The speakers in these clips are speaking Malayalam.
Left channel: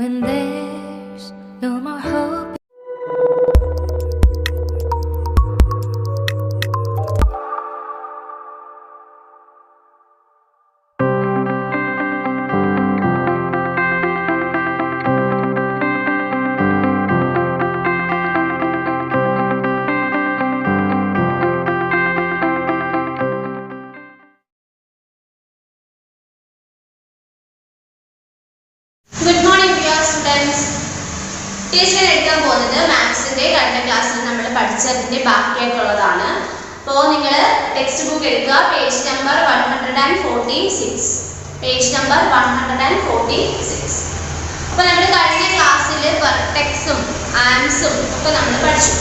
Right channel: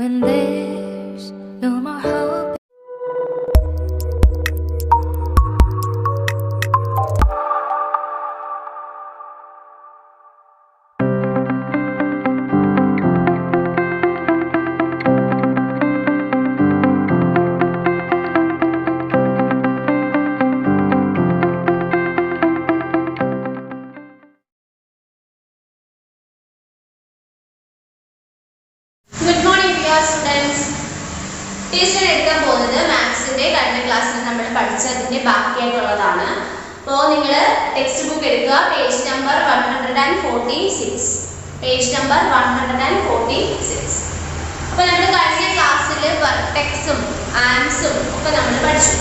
when there's no more hope. Good morning dear students. Teacher എടുക്കാൻ പോകുന്നത് മാത്സിന്റെ കഴിഞ്ഞ ക്ലാസ്സിൽ നമ്മൾ പഠിച്ചതിന്റെ ബാക്കിയായിട്ടുള്ളതാണ്. അപ്പോൾ നിങ്ങൾ ടെക്സ്റ്റ് ബുക്ക് എടുക്കുക, പേജ് നമ്പർ 146. Page number 146. അപ്പോൾ നമ്മൾ കഴിഞ്ഞ ക്ലാസ്സിൽ വെർട്ടെക്സും ആംസും ഒക്കെ നമ്മൾ പഠിച്ചു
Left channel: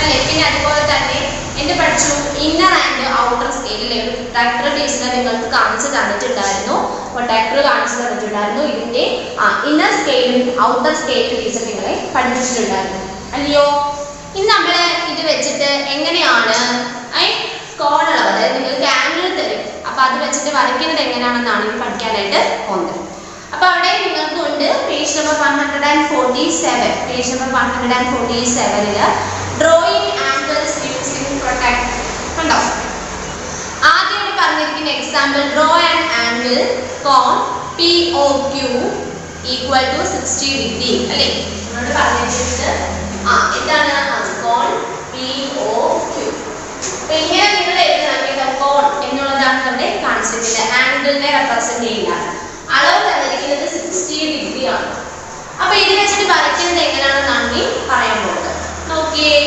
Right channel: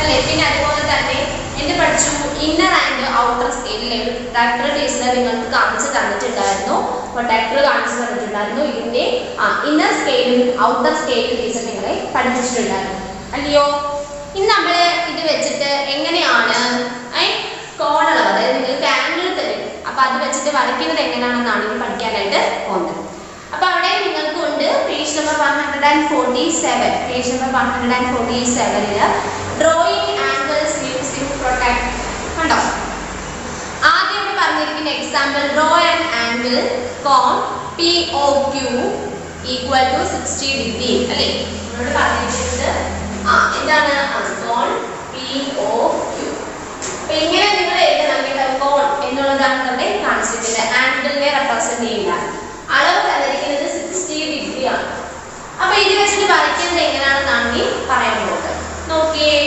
അല്ലേ. പിന്നെ അതുപോലെ തന്നെ എന്ത് പഠിച്ചു? ഇന്നർ ആൻഡ് ഔട്ടർ സ്കെയിലിലെ ഒരു പ്രൊട്ടക്ടർ ടീച്ചർ നിങ്ങൾക്ക് കാണിച്ചു തന്നിട്ടുണ്ടായിരുന്നു. ഇതിന്റെ ഇന്നർ സ്കെയിലും ഔട്ടർ സ്കെയിലും ടീച്ചർ നിങ്ങളെ പഠിപ്പിച്ചിട്ടുണ്ടായിരുന്നു അല്ലയോ. ഇന്ന് നമ്മൾ ഇത് വെച്ചിട്ട് എങ്ങനെയാണ് കോണുകൾ, അതായത് നിങ്ങൾക്ക് ആംഗിൾ തരും, അപ്പൊ അത് വെച്ചിട്ട് വരയ്ക്കുന്നത് എങ്ങനെയാണെന്നാണ് ഇനി പഠിക്കാനായിട്ട് പോകുന്നത്. അപ്പൊ അവിടെ നിങ്ങൾക്ക് ഉണ്ട് page number 147. Page number 147 drawing angles using protractor കണ്ടോ. ആദ്യം പറഞ്ഞിരിക്കുന്ന എക്സാമ്പിൾ, ഡ്രോ ആൻ ആംഗിൾ കോൺ POQ equal to 60 degree അല്ലേ. നമ്മളോട് പറഞ്ഞിരിക്കുന്നത് എന്താണ്? കോൺ POQ. അപ്പൊ ഇങ്ങനെ നിങ്ങൾ എഴുതണമെങ്കിൽ കോൺ എന്നുള്ളതാണ് ഇവിടെ കാണിച്ചിരിക്കുന്നത്. ആംഗിളിനെ റെപ്രസെന്റ് ചെയ്യുന്ന അളവ് തന്നിരിക്കുന്നത് 60 ഡിഗ്രി ആണ്. അപ്പൊ ഇത് വെച്ചിട്ട് വരയ്ക്കുന്നത് എങ്ങനെയാണെന്നാണ് നീ പറയാൻ പോകുന്നത്. നോക്കിയേ.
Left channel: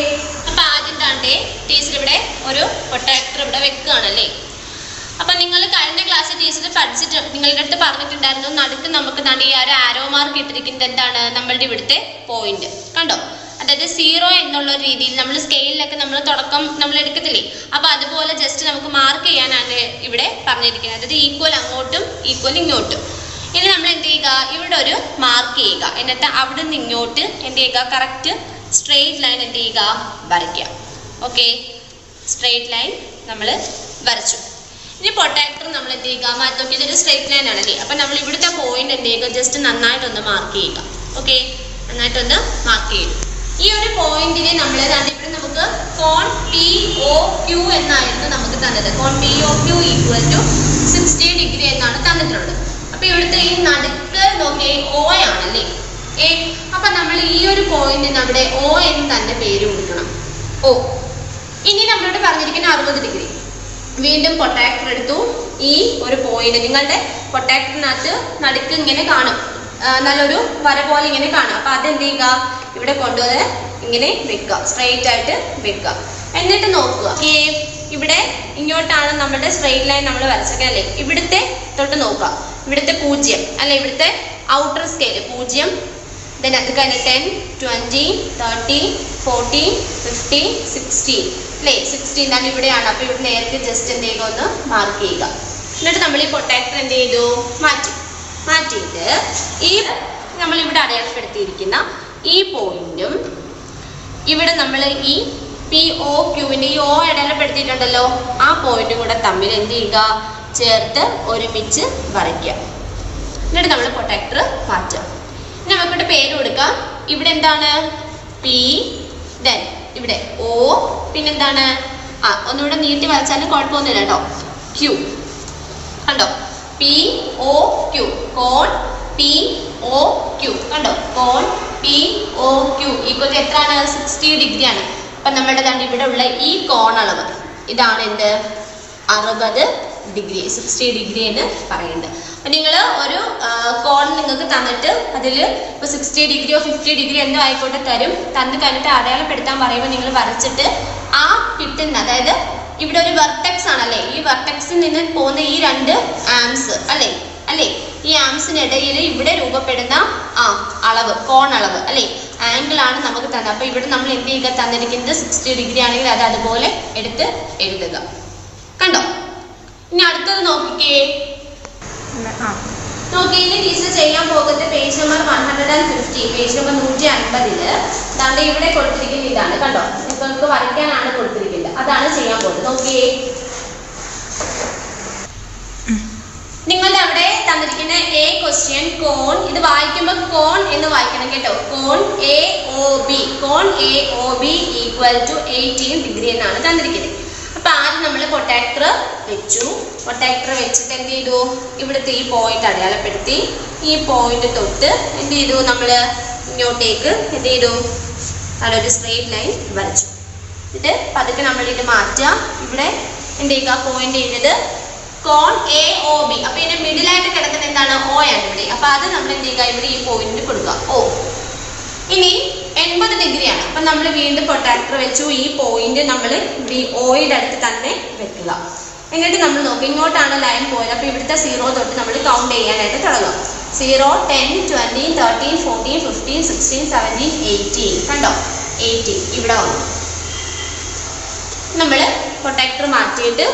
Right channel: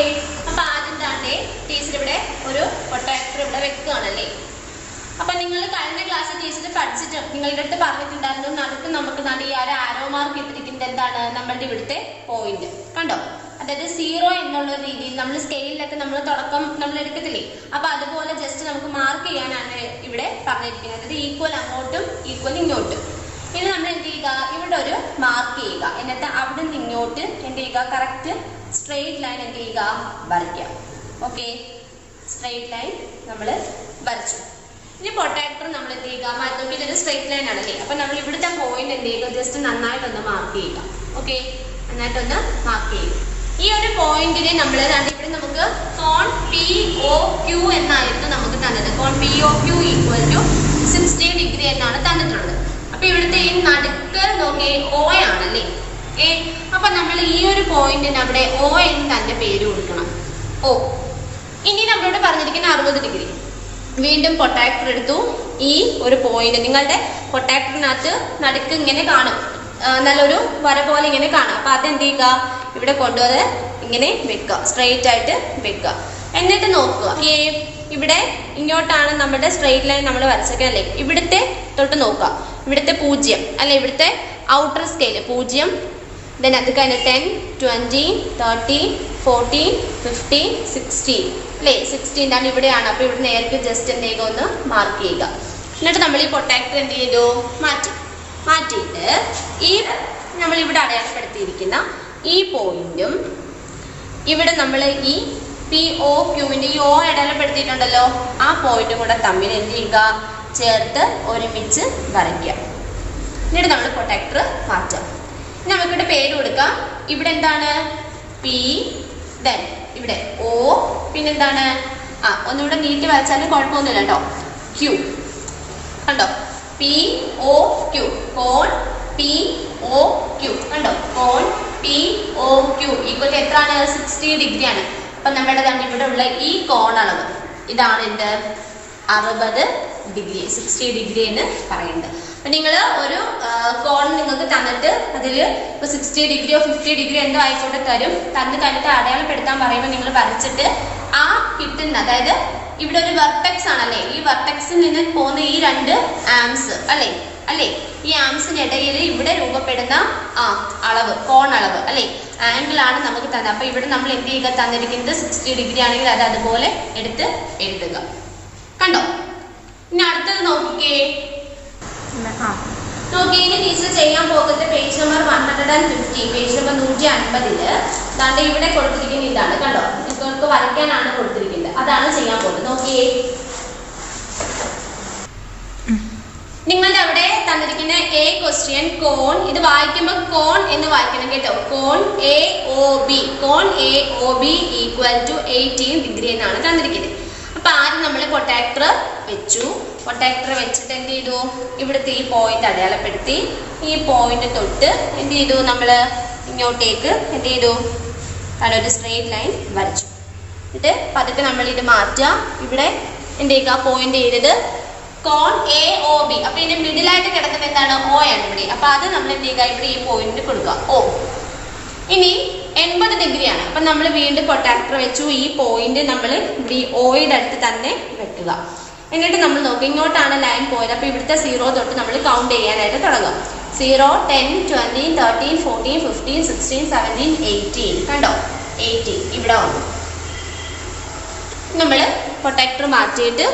അപ്പൊ ആദ്യം തന്നെ ടീച്ചർ ഇവിടെ ഒരു പ്രൊട്ടക്ടർ ഇവിടെ വെക്കുകയാണല്ലേ. അപ്പൊ നിങ്ങൾ കഴിഞ്ഞ ക്ലാസ്സിൽ ടീച്ചർ പഠിച്ചിട്ട് നിങ്ങളുടെ അടുത്ത് പറഞ്ഞിട്ടുണ്ടായിരുന്നു, നടുക്ക് നമുക്ക് ഈ ഒരു ആരോ മാർക്ക് ഇട്ടിരിക്കുന്നത് എന്താണ്? നമ്മളുടെ ഇവിടുത്തെ പോയിന്റ് കണ്ടോ. അതായത് 0 എന്നുള്ള രീതിയിൽ നമ്മൾ സ്കെയിലിലൊക്കെ നമ്മൾ തുടക്കം നമ്മൾ എടുക്കത്തില്ലേ, അപ്പൊ അതുപോലെ ജസ്റ്റ് നമുക്ക് മാർക്ക് ചെയ്യാനാണ് ഇവിടെ പറഞ്ഞിരിക്കുന്നത്. അതായത് ഈക്വൽ അങ്ങോട്ടും ഈക്വൽ ഇങ്ങോട്ടും. ഇനി നമ്മൾ എന്ത് ചെയ്യുക? ഇവിടെ ഒരു മാർക്ക് ചെയ്യുക, എന്നിട്ട് അവിടെ നിന്ന് ഇങ്ങോട്ട് എന്ത് ചെയ്യുക? കറക്റ്റ് സ്ട്രെയിറ്റ് ലൈൻ എന്ത് ചെയ്യുക? വരയ്ക്കുക. ഓക്കെ, സ്ട്രെയിറ്റ് ലൈൻ നമ്മൾ വരച്ചു. ഇനി പ്രൊട്ടക്ടർ നമ്മൾ എന്ത് ചെയ്യുക? മാറ്റി ഇതൊരു സ്ട്രെയിറ്റ് ലൈൻ ആണല്ലേ. അപ്പൊ നമ്മൾ ഇവിടുത്തെ പോയിന്റ് എന്ത് ചെയ്യുക? ജസ്റ്റ് നന്നായിട്ടൊന്ന് മാർക്ക് ചെയ്യുക. ഓക്കെ, നന്നായിട്ടൊന്ന് മാർക്ക് ചെയ്യും. ഈ ഒരു പോയിന്റിനെ നമ്മൾ ഇവിടെ നമുക്ക് കോൺ POQ എന്നായിരുന്നു നമുക്ക് തന്നത്. കോൺ POQ ഈക്വൽ ടു 60 ഡിഗ്രി എന്നാണ് തന്നിട്ടുള്ളത്. അപ്പൊ ഇവിടുത്തെ ഈ നടുക്ക് നോക്കിയേ O ആണല്ലേ. അപ്പൊ നമ്മൾ ഈ ഒരു പോയിന്റിന് അവിടെ O എന്ന് തന്നെ പേര് കൊടുക്കണം, O. ഇനി നമ്മളോട് പറഞ്ഞിരിക്കുന്ന 60 ഡിഗ്രി. വീണ്ടും പ്രൊട്ടക്ടർ എടുത്തു. ഈ ഒരു പോയിന്റ് നിങ്ങളുടെ പ്രൊട്ടക്ടറിനകത്ത് നടുക്ക് ഇങ്ങനെ കാണും, നല്ലൊരു വര പോലെ ഇങ്ങനെ കാണാം. അപ്പൊ അതെന്ത് ചെയ്യുക? ഇവിടെ കൊണ്ടുവന്ന് ഇങ്ങനെ വെക്കുക, സ്ട്രെയിറ്റ് ആയിട്ട് വെക്കുക. എന്നിട്ട് നോക്കുക, ഇവിടെ ഇങ്ങോട്ടാണ് നമ്മുടെ സ്ട്രെയിറ്റ് ലൈൻ നമ്മൾ വരച്ചല്ലേ. ഇവിടുത്തെ തൊട്ട് നോക്കുക, ഇവിടുത്തെ 0 അല്ലെ, ഇവിടുത്തെ ഔട്ടർ സ്കെയിൽ 0. then അത് കഴിഞ്ഞ് 10, 20, 30, 40, 50, 60 അല്ലേ. 60 എന്താണ് ഇവിടെയാണ്. അപ്പൊ ഇവിടെ നേരത്തെ ജസ്റ്റ് എന്ത് ചെയ്യുക? ഒന്ന് മാർക്ക് ചെയ്യുക. എന്നിട്ട് നമ്മൾ ഈ പ്രൊട്ടക്ടർ എന്ത് ചെയ്തു? മാറ്റിയിട്ട് ഈ നമ്മൾ ഇവിടെ അടയാളപ്പെടുത്തിയിരിക്കുന്ന ഈ പോയിന്റും ഇവിടെ നമ്മൾ ഈ POQവിന്റെ ഈ O അടയാളപ്പെടുത്തിയിട്ടുണ്ടല്ലോ, ആ പോയിന്റും കൂടെ തമ്മിൽ എന്ത് ചെയ്യുക? ചേർത്ത് ഒരുമിച്ച് വരയ്ക്കുക. എന്നിട്ട് നമ്മൾ പ്രൊട്ടക്ടർ മാറ്റാം. നമുക്കിവിടെ പേര് കൊടുക്കാം. ഇവിടെ എന്താണ്? P, then ഇവിടെ O, പിന്നെന്താണ്? ഒന്നുകൂടെ നീട്ടി വരച്ചാലും കുഴപ്പമൊന്നുമില്ല കേട്ടോ. Q കണ്ടോ, POQ, കോൺ POQ കണ്ടോ. കോൺ POQ ഈക്വൽ എത്രയാണ്? 60 ഡിഗ്രി ആണ്. അപ്പൊ നമ്മുടെ ഇവിടെ ഉള്ള ഈ കോൺ അളവ് ഇതാണ് എന്ത്? 60 ഡിഗ്രി, 60 ഡിഗ്രി എന്ന് പറയുന്നത്. അപ്പൊ നിങ്ങൾ ഒരു കോൺ നിങ്ങൾക്ക് തന്നിട്ട് അതിൽ ഇപ്പൊ 60 ഡിഗ്രിയോ 50 ഡിഗ്രി എന്തോ ആയിക്കോട്ടെ തന്നു കഴിഞ്ഞിട്ട് അടയാളപ്പെടുത്താൻ പറയുമ്പോൾ നിങ്ങൾ വരച്ചിട്ട് ആ കിട്ടുന്ന, അതായത് ഇവിടെ ഒരു വെർട്ടെക്സ് ആണല്ലേ, ഈ വെർട്ടെക്സിൽ നിന്ന് പോകുന്ന ഈ 2 ആംസ് അല്ലേ, ഈ ആംസിനിടയിൽ ഇവിടെ രൂപപ്പെടുന്ന അളവ്, കോൺ അളവ് അല്ലേ, ആംഗിൾ ആണ് നമുക്ക് തന്നത്. അപ്പൊ ഇവിടെ നമ്മൾ എന്ത് ചെയ്യുക? തന്നിരിക്കുന്നത് 60 ഡിഗ്രി ആണെങ്കിൽ അത് അതുപോലെ എടുത്ത് എഴുതുക. കണ്ടോ. ഇനി അടുത്തത് നോക്കിക്കേ. ഇനി ടീച്ചർ ചെയ്യാൻ പോകുന്നത് പേജ് നമ്പർ 150. പേജ് നമ്പർ 150 ദാണ്ട് ഇവിടെ കൊടുത്തിരിക്കുന്ന ഇതാണ് കണ്ടോ. നിങ്ങൾക്ക് വരയ്ക്കാനാണ് കൊടുത്തിരിക്കുന്നത്, അതാണ് ചെയ്യാൻ പോകുന്നത്. നോക്കിയേ. നിങ്ങളുടെ അവിടെ തന്നിരിക്കുന്ന A ക്വസ്റ്റ്യൻ കോൺ, ഇത് വായിക്കുമ്പോൾ കോൺ എന്ന് കോൺ AOB ഈക്വൽ ടു 18 ഡിഗ്രി എന്നാണ് തന്നിരിക്കുന്നത്. അപ്പൊ ആദ്യം നമ്മൾ പ്രൊട്ടക്ടർ വെച്ചു. പ്രൊട്ടക്ടർ വെച്ചിട്ട് എന്ത് ചെയ്തു, ഇവിടുത്തെ ഈ പോയിന്റ് അടയാളപ്പെടുത്തി. ഈ പോയിന്റ് തൊട്ട് എന്ത് ചെയ്തു, നമ്മൾ ഇങ്ങോട്ടേക്ക് എന്ത് ചെയ്തു, അതൊരു സ്ട്രെയിറ്റ് ലൈൻ വരച്ചു. ഇത് പതുക്കെ നമ്മൾ ഇത് മാറ്റുക. ഇവിടെ എന്ത് ചെയ്യുക, പോയിന്റ് ചെയ്തത് കോൺ AOB. അപ്പൊ ഇതിന്റെ മിഡിലായിട്ട് കിടക്കുന്ന എന്താണ്, O ആണ് ഇവിടെ. അപ്പൊ അത് നമ്മൾ എന്ത് ചെയ്യുക, ഇവിടെ ഈ പോയിന്റ് കൊടുക്കുക O. ഇനി 80 ഡിഗ്രിയാണ്. അപ്പൊ നമ്മൾ വീണ്ടും പ്രൊട്ടക്ടർ വെച്ചു. ഈ പോയിന്റ് നമ്മൾ ഇവിടെ ഓയുടെ അടുത്ത് തന്നെ വെക്കുക. എന്നിട്ട് നമ്മൾ നോക്കുക, ഇങ്ങോട്ടാണ് ലൈൻ പോയത്. അപ്പൊ ഇവിടുത്തെ 0 തൊട്ട് നമ്മൾ കൗണ്ട് ചെയ്യാനായിട്ട് തുടങ്ങും. 0, 10, 20, 13, 14, 15, 16, 17, 18. കണ്ടോ, 18 ഇവിടെ വന്നു. നമ്മൾ പ്രൊട്ടക്ടർ മാറ്റിയിട്ട്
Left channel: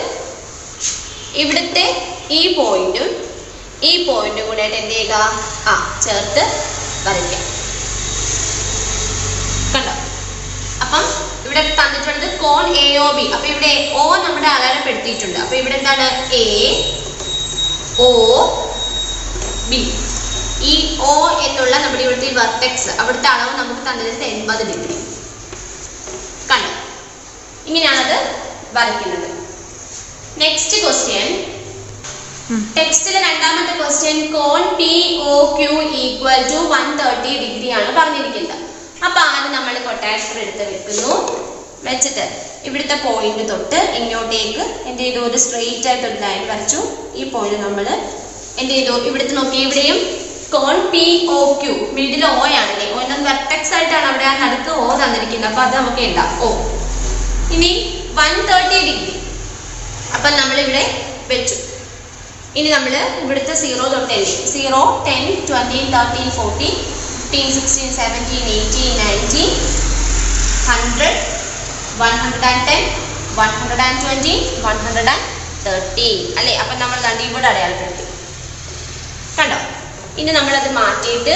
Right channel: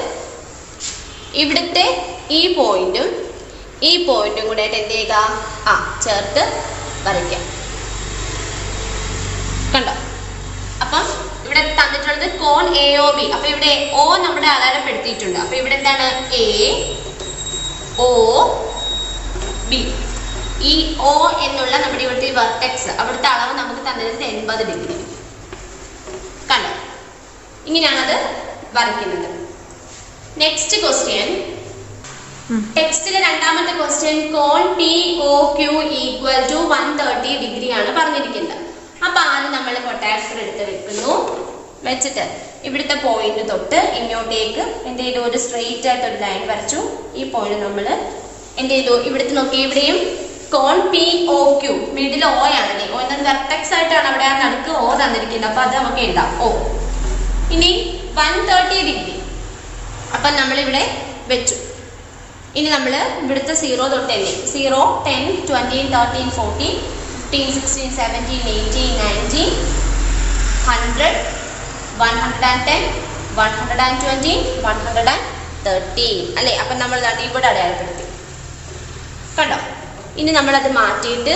ഇവിടുത്തെ ഈ പോയിന്റും ഈ പോയിന്റും കൂടെ എന്ത് ചെയ്യുക, ചേർത്ത് വരയ്ക്കാം. കണ്ടോ, അപ്പം ഇവിടെ തന്നിട്ടുണ്ട് കോൺ AOB. അപ്പൊ ഇവിടെ O നമ്മുടെ അടയാളപ്പെടുത്തിയിട്ടുണ്ട്. അപ്പൊ ഇവിടെ എന്താണ്, AOB. ഈ O എന്നുള്ള നമ്മുടെ ഇവിടുത്തെ വെർട്ടെക്സ്, അവിടുത്തെ അളവ് നമുക്ക് തന്നിട്ടുണ്ട് 80 ഡിഗ്രി. കണ്ടോ, ഇങ്ങനെയാണത് വരയ്ക്കുന്നത്. നെക്സ്റ്റ് ക്വസ്റ്റ്യൻ, ടെക്സ്റ്റിലെ രണ്ടാമത്തെ ക്വസ്റ്റ്യൻ, കോൺ POQ ഈക്വൽ ടു 130 ഡിഗ്രി ആണ് പറഞ്ഞിരിക്കുന്നത്. അപ്പൊ ആദ്യം നമ്മൾ പ്രൊട്ടക്ടർ എടുത്ത് വെക്കുന്നു. വെച്ചിട്ട് ഇവിടുത്തെ പോയിന്റ് തൊട്ട് ഇങ്ങോട്ടേക്ക് എന്ത് ചെയ്തു, ഒരു സ്ട്രെയിറ്റ് ആയിട്ട് ഒരു ലൈൻ വരച്ചു. ഈ പോയിന്റ് നമ്മൾ എന്ത് ചെയ്തു, ഇവിടുത്തെ നോക്കി, ഇവിടെയും കോൺ POQ മിഡിൽ O ആണ്. O എന്ന വെർട്ടെക്സ് ആയിട്ടാണ് അവിടെ ആ നടുക്ക് O തന്നിരിക്കുന്നത്. അപ്പൊ അത് നമുക്ക് എഴുതാം O. ഇനി 130 ഡിഗ്രി അപ്പൊ നമ്മൾ ഇവിടെ വെച്ചു. ഇനി നമ്മൾ ഇവിടുത്തെ 0 തൊട്ട് 0, 10, 20, 13, 14, 15, 16, 17, 18, 19, 100, 110, 120, 130 അല്ലേ. അപ്പൊ നമ്മൾ ഇവിടെ അടയാളപ്പെടുത്തി. കണ്ടോ, ഇനി നമ്മളത് മാറ്റിയിട്ട്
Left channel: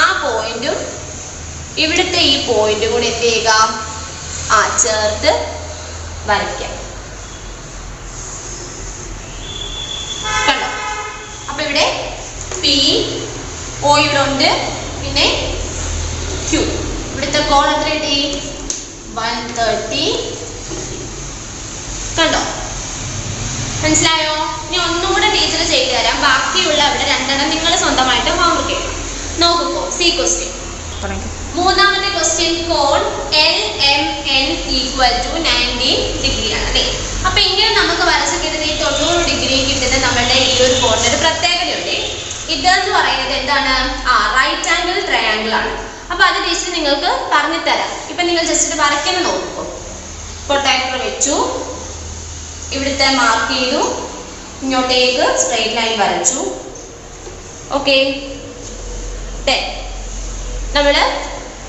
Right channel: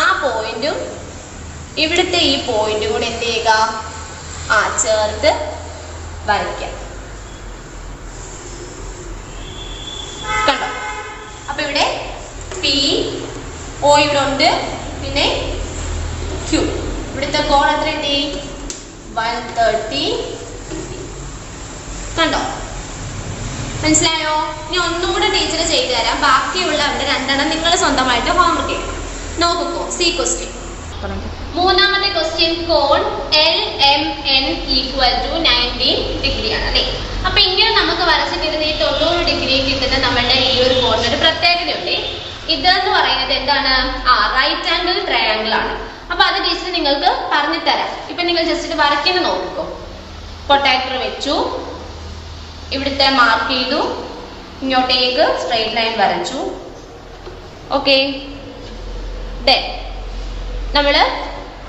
ആ പോയിന്റും ഇവിടുത്തെ ഈ പോയിന്റും കൂടെ എന്ത് ചെയ്യുക, ചേർത്ത് വരയ്ക്കാം. കണ്ടോ, അപ്പൊ ഇവിടെ PO ഇവിടെ ഉണ്ട്, പിന്നെ Q. ഇവിടുത്തെ കോൺ എത്ര കിട്ടി, 130. കണ്ടോ, മനസ്സിലായോ? ഇനി ഒന്നുകൂടെ ടീച്ചർ ചെയ്തു തരാം. ബാക്കിയുള്ള അവിടെ രണ്ടെണ്ണം നിങ്ങൾ സ്വന്തമായിട്ട് ഹോംവർക്ക് ചെയ്യണം. നോക്കൂ, സി ക്വസ്റ്റ്യൻ. മൂന്നാമത്തെ ക്വസ്റ്റ്യൻ, കോൺ LMN ഈക്വൽ ടു 90 ഡിഗ്രി ആണ് അല്ലേ. അപ്പൊ ഇങ്ങനെ നമുക്ക് വരച്ച് കിട്ടുന്ന ഈ 90 ഡിഗ്രി കിട്ടുന്ന നമ്മളുടെ ഈ ഒരു കോണിന് ഒരു പ്രത്യേകതയുണ്ട്. ഇതെന്ന് പറയുന്നത് എന്താണ്, റൈറ്റ് ആംഗിൾ ട്രയാംഗിൾ ആണ്. അപ്പൊ അത് ടീച്ചർ നിങ്ങൾക്ക് പറഞ്ഞു തരാം. ഇപ്പൊ നിങ്ങൾ ജസ്റ്റ് വരയ്ക്കുന്നത് നോക്കൂ. പ്രൊട്ടക്ടർ വെച്ചു, ഇവിടുത്തെ മാർക്ക് ചെയ്തു, ഇങ്ങോട്ടേക്ക് സ്ട്രെയിറ്റ് ലൈൻ വരച്ചു. ഓക്കെ, നമ്മൾ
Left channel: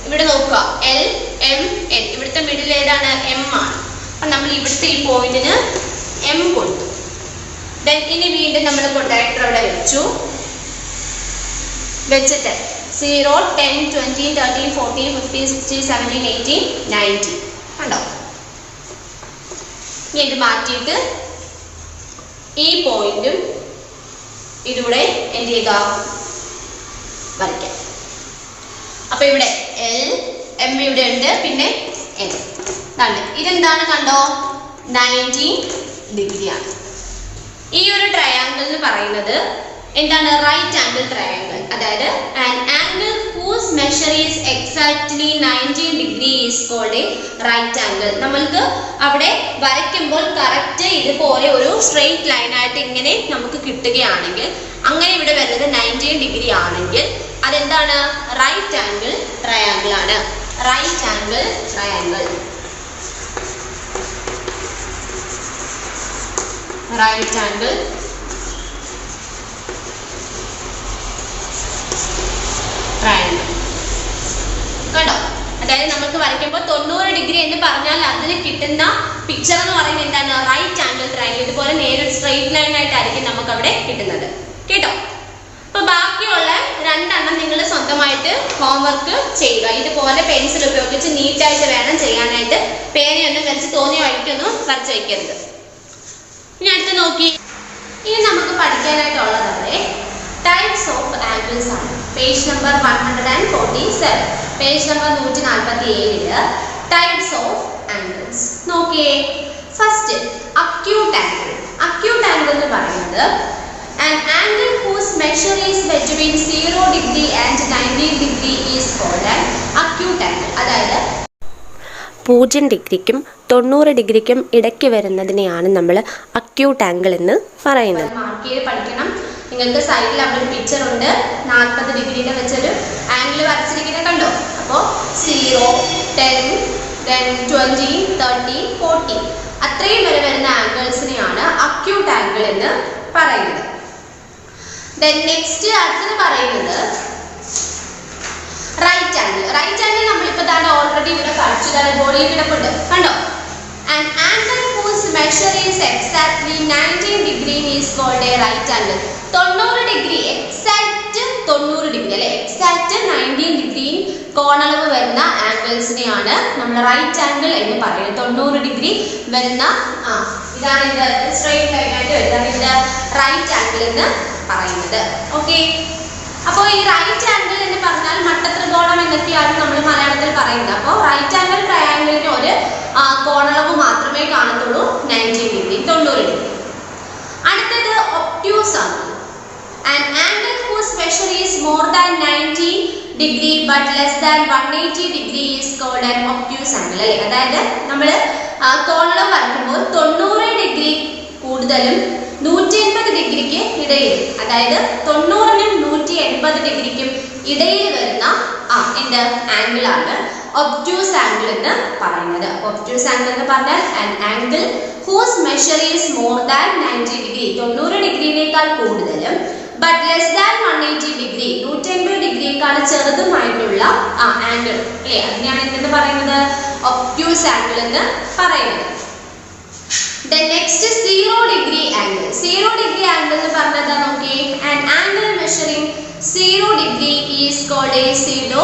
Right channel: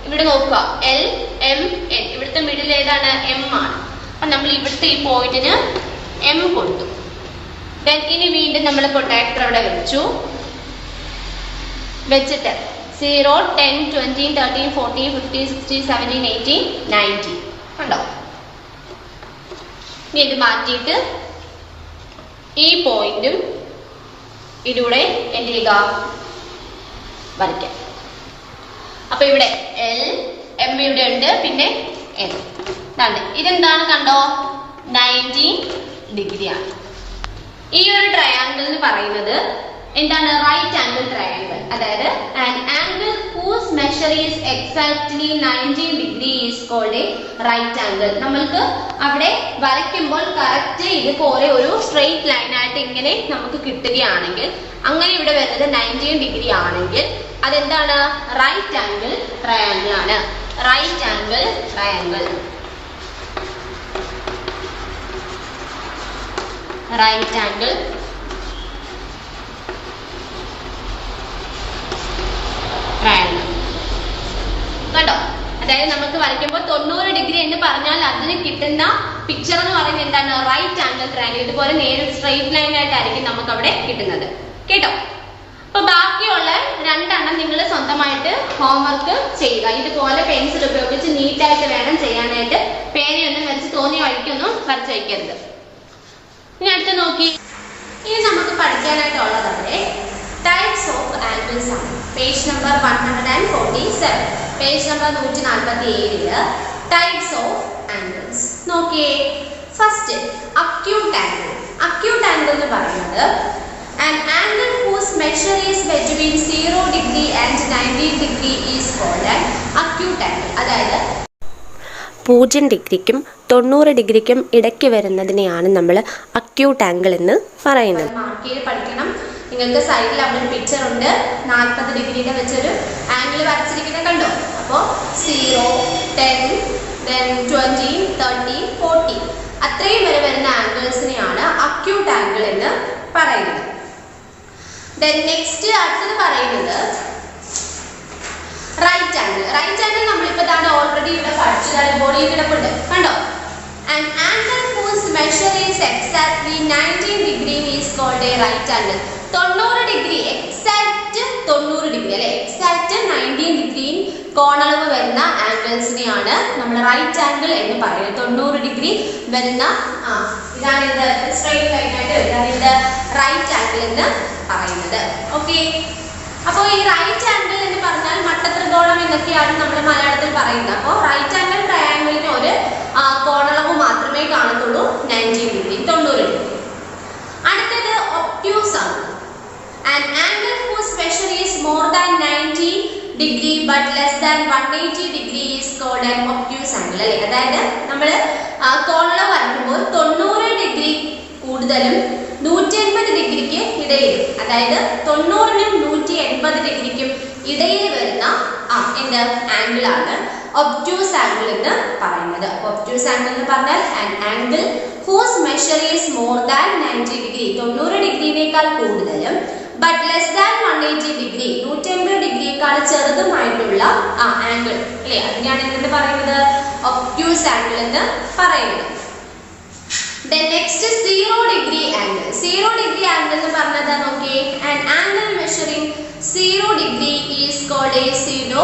ഇവിടെ നോക്കുക, LMN ഇവിടുത്തെ മിഡിൽ ഏതാണ്, M ആണ്. അപ്പൊ നമ്മൾ ഇവിടുത്തെ ഈ പോയിന്റിന് M കൊടുത്തു. ഇനി വീണ്ടും നമ്മൾ പ്രൊട്ടക്ടർ ഇവിടെ വെച്ചു. വെച്ചിട്ട് 0, 10, 20, 13, 14, 15, 16, 17, 18, 19. കണ്ടോ, ഇനി ഇത് മാറ്റിയിട്ട് ഈ പോയിന്റും ഇതിലൂടെ എന്ത് ചെയ്യുക, വരയ്ക്കാം. അപ്പൊ ഇവിടെ LM ഇവിടെ ഉണ്ട്, പിന്നെ M. ഇതെന്താണ്, കണ്ടോ, 90 ഡിഗ്രി ആണ്. ഈ ഒരു ട്രയാങ്കിൾ എന്ന് പറയുന്നത് എന്താണ്, റൈറ്റ് ആംഗിൾ ട്രയാങ്കിൾ. അതായത് an angle whose measure is exactly 90 degree is called a right angle. നമ്മൾക്ക് അവിടെ വരയ്ക്കുമ്പോൾ കറക്റ്റ് ഇതുപോലെ ഒരു സ്ട്രെയിറ്റ് ലൈൻ ആയിട്ട് ഇങ്ങനെ നമുക്ക് കിട്ടുകയാണെങ്കിൽ, അങ്ങനെ ഇവിടെ വരുന്നത് 90 ഡിഗ്രി ആണെങ്കിൽ അതെന്താണ്, റൈറ്റ് ആംഗിൾ ട്രയാങ്കിൾ ആണ്. Right angle triangle, right angle triangle. കണ്ടോ, അതായത് നമുക്ക് വരയ്ക്കുമ്പോൾ 90 ഡിഗ്രി എന്ന് പറഞ്ഞാൽ അതിന് കിട്ടുന്ന പിക്ചർ എന്ന് പറയുന്നത് എന്താണ്, റൈറ്റ് ആംഗിൾ ട്രയാങ്കിൾ. ഇതുപോലെ നേരെ സ്ട്രെയിറ്റ് ലൈൻ ആയിട്ടായിരിക്കും നമുക്ക് അവിടെ കിട്ടുന്നത്. കേട്ടോ, അപ്പൊ ബാക്കിയുള്ള രണ്ടെണ്ണം നിങ്ങൾ സ്വന്തമായിട്ട് ഹോംവർക്ക് ചെയ്യുക. ഇതുപോലെ പെൻസിൽ ഉപയോഗിച്ച് നീറ്റായിട്ട് വേണം ചെയ്യാനായിട്ട്. പേനയൊന്നും വരച്ച് തോന്നിയ വഴിക്കൊന്നും വരച്ച് വയ്ക്കരുത്. ഇനി നോക്കി, ഇനി നമുക്ക് പഠിക്കാനായിട്ടുള്ളതാണ് ടൈപ്സ് ഓഫ് ആംഗിൾസ് ആണ്. Page number 147, page number 147 types of angles. നോക്കിയേ, first acute angle. Acute angle എന്ന് പറയുന്നത് an angle whose measure is between 0 degree and 90 degree is called an acute angle. അതായത് 0 ഡിഗ്രിക്കും 90 ഡിഗ്രിക്കും ഇടയ്ക്ക് വരുന്നതിനെയാണ് നമ്മൾ അക്യൂട്ട് ആംഗിൾ എന്ന് പറയുന്നത്. മാർക്ക് ചെയ്ത് പഠിക്കണം. നിങ്ങൾക്ക് സൈഡിൽ അവിടെ ഒരു പിക്ചർ ഉണ്ട്, 40 ഡിഗ്രിയുടെ വെച്ചൊരു ആംഗിൾ വരച്ചിരിക്കുന്നത് കണ്ടോ. അപ്പോൾ 0, 10, then 20, 30, 40 അത്രയും വരെ വരുന്ന ആംഗിൾസിനെയാണ് അക്യൂട്ട് ആംഗിൾ എന്ന് പറയുന്നത്. then next അടുത്തത് പറയുന്നത് റൈറ്റ് ആംഗിൾ. റൈറ്റ് ആംഗിൾ നമ്മളിപ്പോൾ തന്നെ ഓൾറെഡി ഇവിടെ പഠിച്ചതാണ്, ബോഡിയിൽ കിടപ്പുണ്ട് കണ്ടോ. an angle whose measure is exactly 90 degree is called a right angle. 90 degree, exact 90 degree അല്ലെ, എക്സാക്റ്റ് 90 ഡിഗ്രി കോണളവ് വരുന്ന ആംഗിൾസിനെയാണ് നമ്മൾ റൈറ്റ് ആംഗിൾ എന്ന് പറയുന്നത്. 90 ഡിഗ്രി വരുന്ന ഇതാണ് ഇത് സ്ട്രെയിറ്റ് ലൈൻ ആയിട്ട് വരുന്നത്, ഇത് റൈറ്റ് ആംഗിൾ എന്ന് പറയുന്നത്. ഓക്കെ, അപ്പോൾ ഈ റൈറ്റ് ആംഗിൾ എന്ന് പറഞ്ഞാൽ മട്ടത്രികോണം എന്നൊക്കെയാണ് നമ്മൾ മലയാളത്തിൽ പറയുന്നത്. അപ്പോൾ റൈറ്റ് ആംഗിൾ ട്രയാംഗിളിന് ഒരു കോണളവ് മാത്രമേ കാണത്തുള്ളൂ, 90 ഡിഗ്രി, 90 ഡിഗ്രി. അടുത്തത് obtuse angle. an angle whose measure is more than 90 degree but less than 180 degree is called an obtuse angle അല്ലേ. അതായത് നമ്മൾ കോണളവ് വരയ്ക്കുമ്പോൾ 90 ഡിഗ്രി കൂടുതലും 180 ഡിഗ്രിക്ക് ഇടയിലും, അതായത് 90നും 180 ഡിഗ്രിക്കും ഇടയിൽ വരുന്ന എന്ത് ആംഗിൾ ആണ് ഒബ്റ്റ്യൂസ് ആംഗിൾ എന്ന് പറയുന്നത്. ഒബ്റ്റ്യൂസ് ആംഗിൾ എന്ന് പറഞ്ഞാൽ an angle whose measure is more than 90 degree, 90 ഡിഗ്രിയിലേക്കാൾ കൂടുതലും but less than 180 degree, 180 ഡിഗ്രിയേക്കാൾ ചെറുതുമായിട്ടുള്ള angle അല്ലേ, അതിനെയാണ് എന്തെന്ന് പറയുന്നത്, ഒബ്റ്റ്യൂസ് ആംഗിൾ എന്ന് പറയുന്നത്. then next 0 degree angle. 0 degree angle എന്ന് പറഞ്ഞാൽ നോക്കിയേ, an angle measuring 0 degree is called a pseudo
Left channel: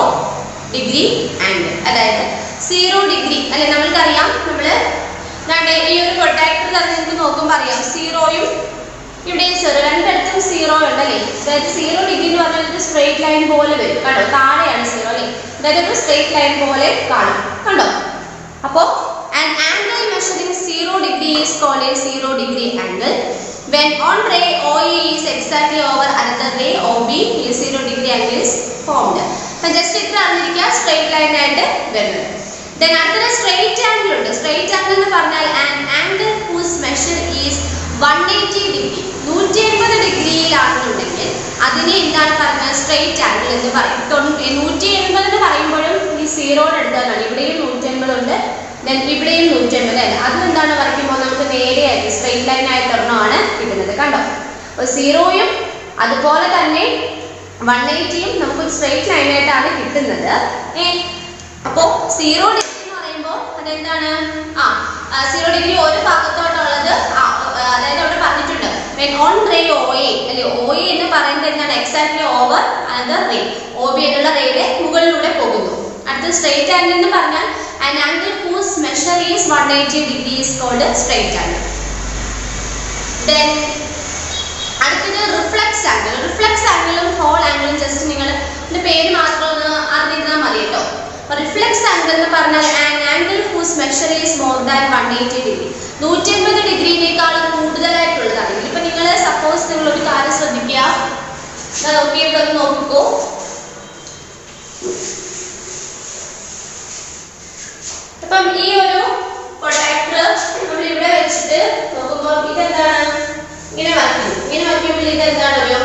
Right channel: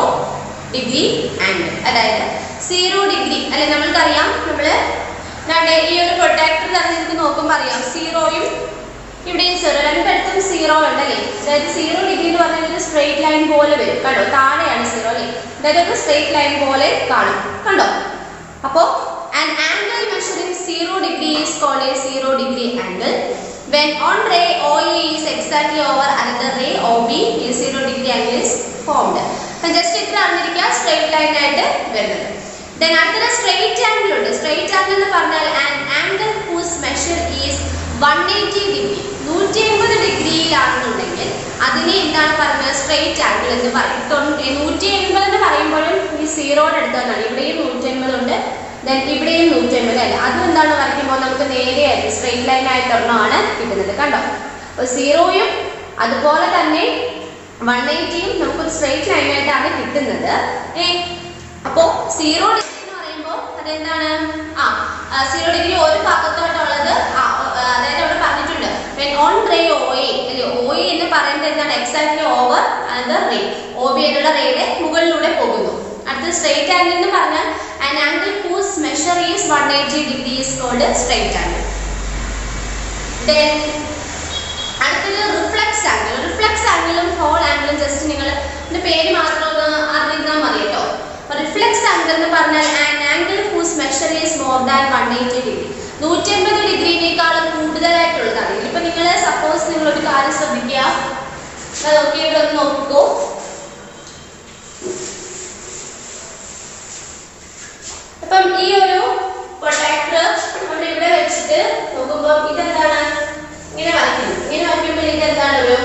degree angle. അതായത് 0 ഡിഗ്രി അല്ലെ, നമ്മൾക്കറിയാം, നമ്മള് ഈ ഒരു പ്രൊട്ടക്ടർ തന്നെ നിങ്ങൾക്ക് നോക്കുമ്പോൾ അറിയാം, സീറോയും ഇവിടെയും 0, രണ്ടിടത്തും 0 ഉണ്ടല്ലേ. അതായത് 0 ഡിഗ്രി എന്ന് പറഞ്ഞാൽ സ്ട്രെയിറ്റ് ലൈൻ പോലെ വരും കണ്ടോ, താഴെയാണ് 0 അല്ലേ, അതായത് ഒരു സ്ട്രെയിറ്റ് ലൈൻ പോലെ കാണും കണ്ടോ. അപ്പോൾ an angle measuring 0 degree is called a 0 degree angle. When one ray OE is exactly over another ray OB, a 0 degree angle is formed. അപ്പോൾ ജസ്റ്റ് ഇത്ര അറിഞ്ഞിരിക്കുക, സ്ട്രെയിറ്റ് ലൈൻ ആയിട്ട് വരുന്നത്. then അടുത്തത് സ്ട്രെയിറ്റ് ആംഗിൾ ഉണ്ട്. സ്ട്രെയിറ്റ് ആംഗിൾ എന്ന് പറഞ്ഞാൽ an angle whose measure is 180 degree, 180 ഡിഗ്രിയിലാണെന്നുണ്ടെങ്കിൽ അതിനെ എന്താണ് പറയുന്നത്, സ്ട്രെയിറ്റ് ആംഗിൾ എന്ന് പറയും. 180 എന്ന് പറയുമ്പോഴും ഈ 0യുടെ അടുത്താണ്, ഇവിടെയും 180 ഉണ്ട്, ദെൻ ഇവിടെയും 180 അല്ല, അതും എന്താണ് വരയ്ക്കുമ്പോൾ നമുക്ക് നേരെയായിട്ട് സ്ട്രെയിറ്റ് ലൈൻ ആയിട്ട് ഒരെണ്ണമാണ് കിട്ടുന്നത് കണ്ടോ. അപ്പോൾ 0യും അതുപോലെ തന്നെ 180യും നമുക്കൊരു സ്ട്രെയിറ്റ് ലൈൻ ആയിട്ടാണ് കിട്ടുന്നത്. അപ്പോൾ 0 ഡിഗ്രി എന്ന് പറയുമ്പോൾ അതെന്താണ്, 0 ഡിഗ്രി ഒരു ഭാഗത്തോട്ടുള്ളത്, അതായത് അവിടെ പറഞ്ഞിട്ടുണ്ട് when on ray OA അല്ലെ, OA എന്ന് പറയുന്നത് എന്താണ്, exactly over another ray, OB എന്നുള്ള റേയുടെ മുകളിലൂടെ പോകുന്നു. അടുത്ത സ്ട്രെയിറ്റ് ആംഗിൾ എന്ന് പറഞ്ഞാൽ an angle whose measure is 180 degree is called straight angle. then അടുത്തത് റിഫ്ലക്സ് ആംഗിൾ. റിഫ്ലക്സ് ആംഗിളും ഹോൾ ആംഗിളും ജസ്റ്റ് നിങ്ങൾ ഇതിന്റെ പേര് മാത്രം ഒന്ന് അറിഞ്ഞിരുന്നാൽ മതി കേട്ടോ. റിഫ്ലക്സ് ആംഗിൾ എന്ന് പറഞ്ഞാൽ an angle whose measure is more than 180 degree, 180 ഡിഗ്രിയേക്കാളും കൂടുതലായിട്ടുള്ളതാണെങ്കിൽ, ഇപ്പൊ നിങ്ങൾ സപ്പോസ് നിങ്ങൾ ഒരു കാര്യം ശ്രദ്ധിക്കുക, നോക്കിയിട്ട് ഒന്ന് നോക്കിക്കോ. അപ്പം ഈ ഒരു പ്രൊട്ടക്ടർ നമ്മൾ ഇവിടെ വെച്ചിട്ട് നോക്കുമ്പോൾ ഇതെന്താണ്, ഇങ്ങനെ വരയ്ക്കുന്നു. ഇങ്ങനെ വരയ്ക്കുമ്പോൾ ഇതെന്താണ്, ഒരു